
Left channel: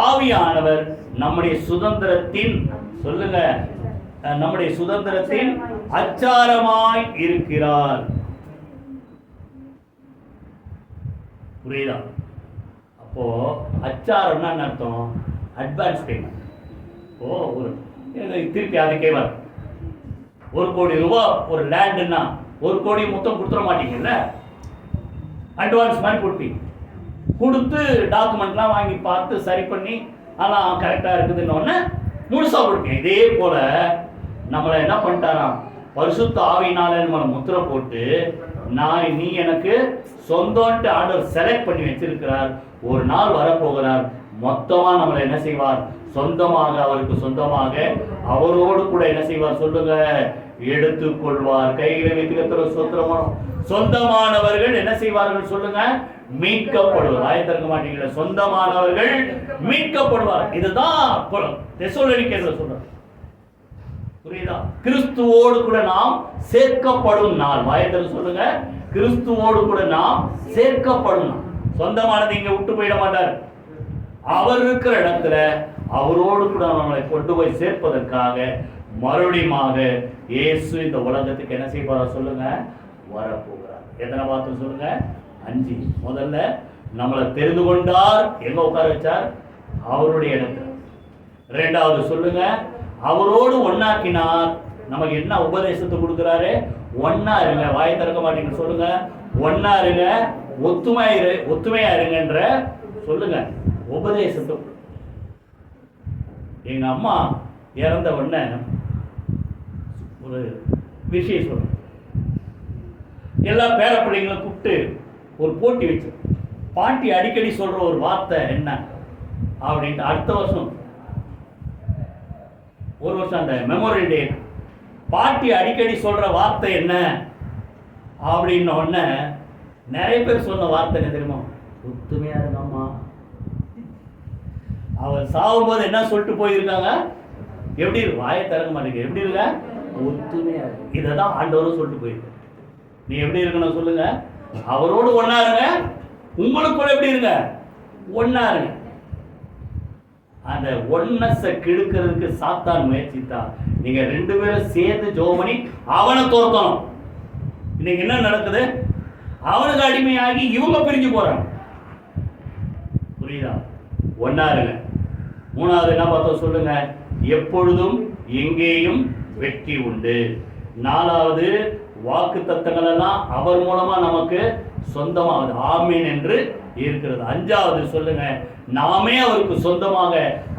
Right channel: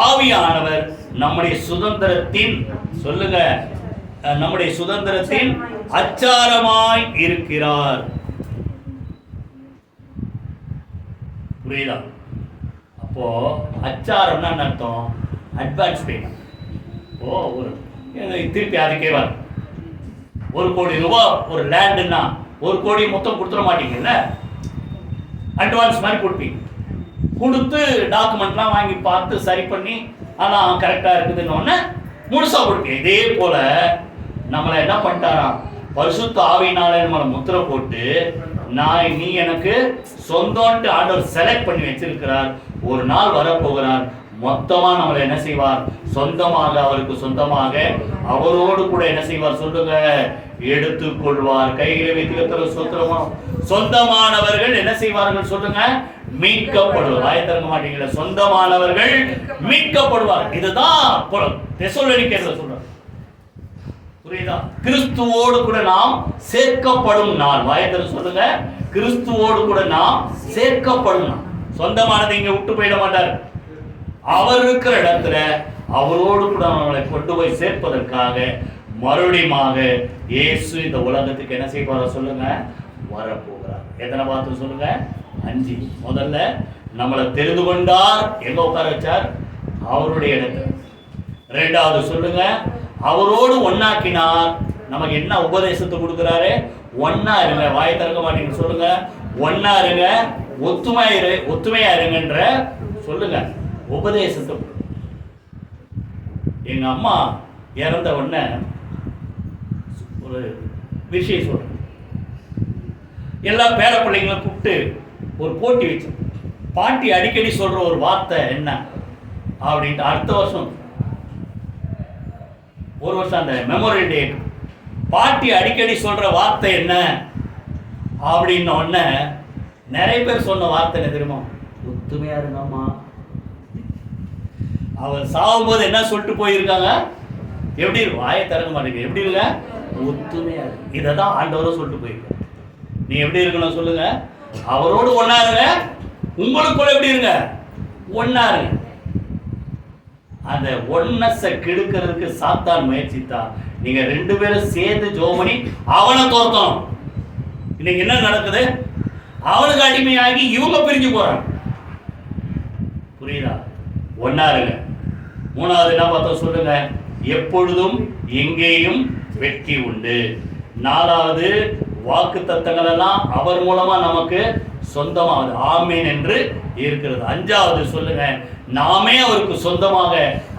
ஆவியானவர் நம்முடைய சுதந்திரத்தின், சொல்லுங்க, நம்முடைய சுதந்திரத்தின் அச்சாரமாய் இருக்கிறார். புரியுதா? அப்போ அச்சாரம்னா என்ன அர்த்தம்? Advance payment. ஒரு திருப்பி அதுக்கே வரும். 1 கோடி ரூபாய் ஒரு லேண்டுன்னா 1 கோடி மொத்தம் கொடுத்துட மாட்டீங்கல்ல, அட்வான்ஸ் மாதிரி கொடுப்பீங்க. கொடுத்து டாக்குமெண்ட்லாம் வாங்கி பார்த்து சரி பண்ணி அதெல்லாம் கரெக்டாக இருக்குதுன்னு ஒன்று முழுசாக கொடுப்பீங்க. இதே போல் நம்மளை என்ன பண்ணிட்டாராம்? பரிசுத்த ஆவியினால நம்மளை முத்திரை போட்டு நீ எனக்கு சொந்தம்ட்டு ஆண்டவர் செலக்ட் பண்ணி வச்சிருக்கிறார். ஒரு நாள் வரப்போகிறார், மொத்தமா நம்மளை என்ன செய்வார், சொந்தமாக, அவருக்கு சொந்தமாக அவரோடு கூட என்ன செய்வார் சொல்லுங்க, எடுத்துக்கொள்வார். கையில வைத்து கர்த்தருக்கு ஸ்தோத்திரம். சொந்தமானவர்கள் என்ன செய்வார்கள் சொல்லுங்க, மீட்கப்படுவார். வாயை திறக்க மாட்டீங்களா? சொந்தமானவர்கள் மீட்கப்படுவார். இதுதான் தெசலோனிக்கேயர்ல சொல்றார். புரியுதா? கிறிஸ்துவோடு கூட நாம் சேர்க்கப்படும் நாள். வாயை திறந்து சொல்லுங்க, கிறிஸ்துவோடு கூட நாம் சேர்க்கப்படும் நாள். சொந்தமானது இங்க விட்டு போயிட மாட்டார். அவர் இருக்கிற இடத்துல அவரோடு கூட நம்மளை கொண்டு போய் சேர்ப்பதற்காக மறுபடியுமாக இயேசு இந்த உலகத்துக்கு என்ன செய்வாரா சொல்லுங்க, வரப்போகிறார். எத்தனை பார்த்து சொல்லுங்க, 5. முதல்ல நம்மளை தெரிந்து கொண்டார், எங்க உட்கார வச்சார், அவருடைய இடத்துல. 2வது சொல்லுங்க, அவரோடு ஒன்னாக்கினார். நமக்கு என்ன உபதேசத்தை கொடுக்கிறாரு, ஒன்னா இருங்க. வாயை திறக்க மாட்டீங்க சொல்லுங்க, ஒன்னா இருங்க, ஒத்துமையா இருங்கன்ற சொல்லுங்க உபதேசத்தை. எங்க அம்மா இறந்த உடனே ஒரு விஷயம் சொல்றேன். எல்லா பேர பிள்ளைங்களும் கூப்பிட்டு ஒரு போட்டி வச்சோம். பாட்டி அடிக்கடி சொல்ற ஒரு வார்த்தை என்ன அப்படின்ட்டு, அடுத்த வருஷம் ஒரு வருஷம் அந்த மெமோரியல் டே, பாட்டி அடிக்கடி சொல்ற வார்த்தை என்ன அப்படின்ன உடனே நிறைய பேர் சொன்ன வார்த்தை என்ன தெரியுமா, ஒத்துமையா இருங்கம்மா. அவர் சாகும்போது என்ன சொல்லிட்டு போயிருக்காங்க, எப்படி இருக்கு, வாயை திறக்க மாட்டேங்க, எப்படி இருக்க, ஒத்துமையா இருக்கு. இதை தான் ஆண்டவரும் சொல்லிட்டு போயிருக்க. நீ எப்படி இருக்கணும் சொல்லுங்க, அவரோடு ஒன்னா இருங்க, உங்களுக்குள்ள எப்படி இருங்க, ஒன்னா இருங்க. அந்த ஒன்னஸை கெடுக்கிறதுக்கு சாத்தான் முயற்சித்தா, நீங்க 2 பேரும் சேர்ந்து ஜெபம் பண்ணி அவனை தோற்கணும். இன்னைக்கு என்ன நடக்குது, அவனுக்கு அடிமையாகி இவங்க பிரிஞ்சு போறாங்க. புரியுதா? ஒன்னா இருங்க. 3வது என்ன பார்த்தோம் சொல்லுங்க, எப்பொழுதும் எங்கேயும் வெற்றி உண்டு. 4வது வாக்கு தத்தங்கள் எல்லாம் அவர் மூலமா நமக்கு சொந்தமாகுது, ஆமீன் என்று இருக்கிறது. 5வது சொல்லுங்க, நாமே அவருக்கு சொந்தமாக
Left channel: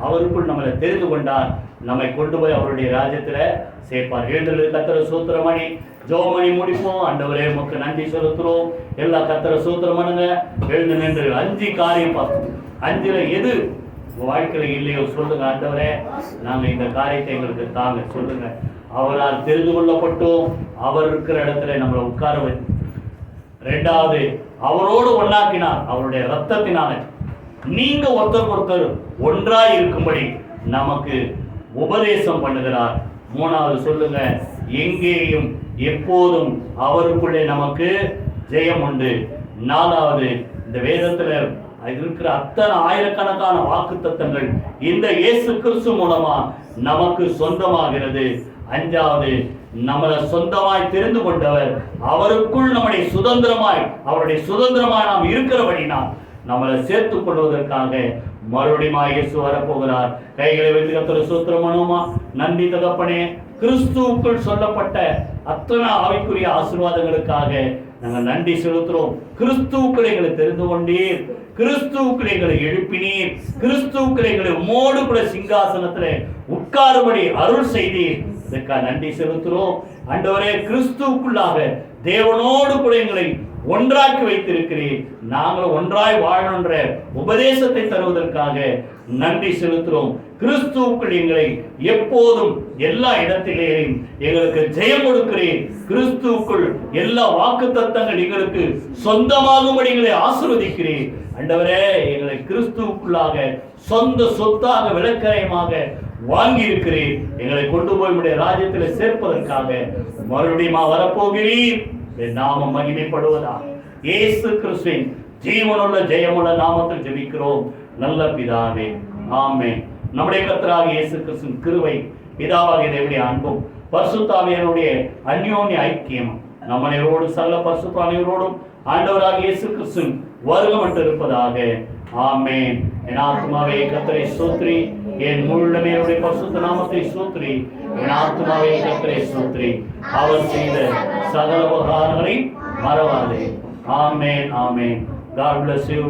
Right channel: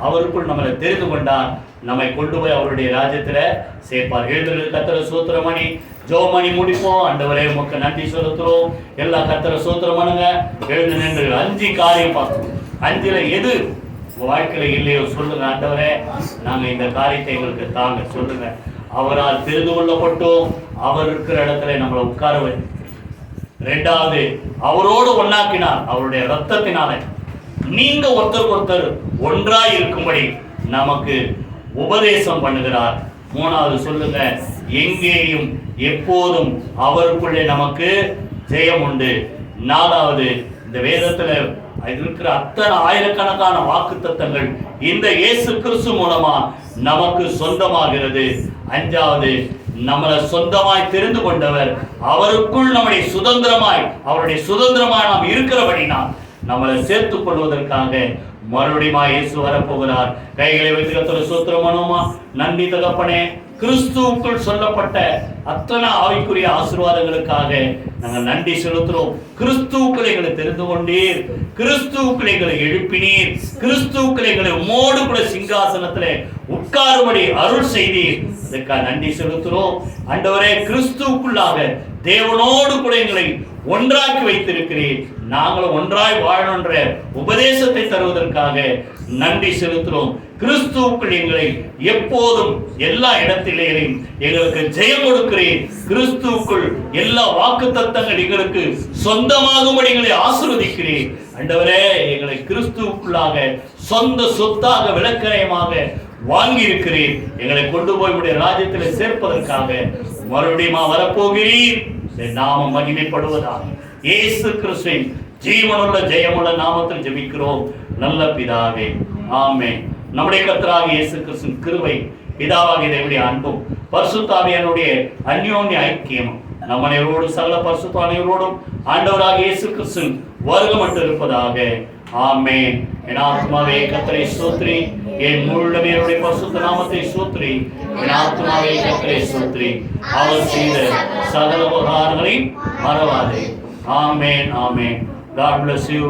அவருக்குள் நம்மளை தெரிந்து கொண்டார், நம்மை கொண்டு போய் அவருடைய ராஜ்யத்துல சேர்ப்பார். எழுதுறது கர்த்தரை ஸ்தோத்திரம் பண்ணி ஜெபம் பண்ணி முடிப்போம். ஆண்டவரே உமக்கு நன்றி செலுத்துறோம். எல்லா கர்த்தரை ஸ்தோத்திரம் பண்ணுங்க. எழுந்து நின்று 5 காரியம் பார்த்தோம். 5ல எது உங்க வாழ்க்கையில இல்லையோ சொல்லுங்க, ஆண்டவரே நாங்க இந்த காரியத்தை எங்களுக்கு தாங்க சொல்லுங்க. அவரால் தெரிந்து கொள்ளப்பட்டோம், அவர் இருக்கிற இடத்துல நம்மளை உட்கார வை. 2வது அவரோடு ஒன்னாக்கினார், அவருடைய ரத்தத்தினால நீங்க ஒருத்தருக்கு ஒருத்தர் ஒன்றாய் இருக்கும்படி நமக்கு உபதேசம் பண்ணுகிறார். 3வது சொல்லுங்க, எங்கேயும் எப்போதும் அவருக்குள்ளே நமக்கு ஜெயம் உண்டு. 4வது இந்த வேதத்துல இருக்கிற அத்தனை ஆயிரக்கணக்கான வாக்குத்தத்தங்கள் இந்த இயேசு கிறிஸ்து மூலமா நமக்கு சொந்தமாகிறது. 5வது நம்மளை சொந்தமாய் தெரிந்து கொண்டவர், அவருக்குள் நம்முடைய சுதந்திரமாய் அவருடைய சுதந்திரமாய் நாம் இருக்கிறபடினா நம்மளை சேர்த்துக் கொள்வதற்காக மறுபடியும் இயேசு வரப்போகிறார். கைகளை வைத்து கர்த்தரை ஸ்தோத்திரம் பண்ணுவோமா. நன்றி தகப்பனே, கிறிஸ்துவுக்குள் சொல்லப்பட்ட அத்தனை ஆவிக்குரிய ஆசீர்வாதங்களுக்காக நாங்கள் நன்றி செலுத்துறோம். கிறிஸ்துவுக்குள் எங்களை தெரிந்து கொண்டீர், கிறிஸ்துவுக்குள் எங்களை எழுப்பினீர், கிறிஸ்துவுக்குள் எங்களை உம்மோடு கூட சிங்காசனத்தில் உட்காரும்படி அருள் செய்தீர். அதுக்காக நன்றி செலுத்துறோம். ஆண்டவரே, கிறிஸ்துவுக்குள்ளாக தேவனோடு கூட எங்களை ஒன்றாக்கி வைத்திருக்கிறீர். நாங்கள் ஒன்றாய் வாழணுன்ற உபதேசத்தை தருவதற்காக நன்றி செலுத்துறோம். கிறிஸ்துவுக்குள் எங்களை எப்போதும் எல்லா இடத்திலேயும் எங்களுக்கு ஜெயம் கொடுக்கிறேன். கிறிஸ்துவுக்குள் எல்லா வாக்குத்தத்தங்கள் எங்களுக்கு சொந்தமாகும்படி எங்களை ஆசீர்வதிக்கிறேன். ஆண்டவரே, எங்களை கிறிஸ்துவுக்குள்ளாக சொந்த சொத்தாக விளக்கரயமாக வாங்கி இருக்கிறேன். எங்களை கொண்டு போய் உடைய ராஜ்யத்தில் சேர்ப்பதற்காக மறுபடியும் வரப்போகிறீர். நாமம் மகிமைப்படுவதாக இயேசு கிறிஸ்துவின் ஜீவனுள்ள ஜெயமுள்ள நாமத்தில் ஜெபிக்கிறோம் நல்ல பிதாவே, ஆமென். நம்முடைய கர்த்தராகிய இயேசு கிறிஸ்துவின் கிருபை, பிதாவாகிய தேவனுடைய அன்பும் பரிசுத்த ஆவியானவருடைய அந்யோன்ய ஐக்கியம் நம் அனைவரோடு சகல பரிசுத்த அனைவரோடும் ஆண்டவராகிய இயேசு கிறிஸ்துவின் வருகை மட்டும் இருப்பதாக. ஆமென். என் ஆத்மாவே கர்த்தரை ஸ்தோத்திரி, என் முழுமே அவருடைய பரிசுத்த நாமத்தை ஸ்தோத்திரி. என் ஆத்மாவே கர்த்தரை ஸ்தோத்திரி, அவர் செய்த சகல உபகாரங்களை மறவாதே. ஆமென், ஆமென். God bless you.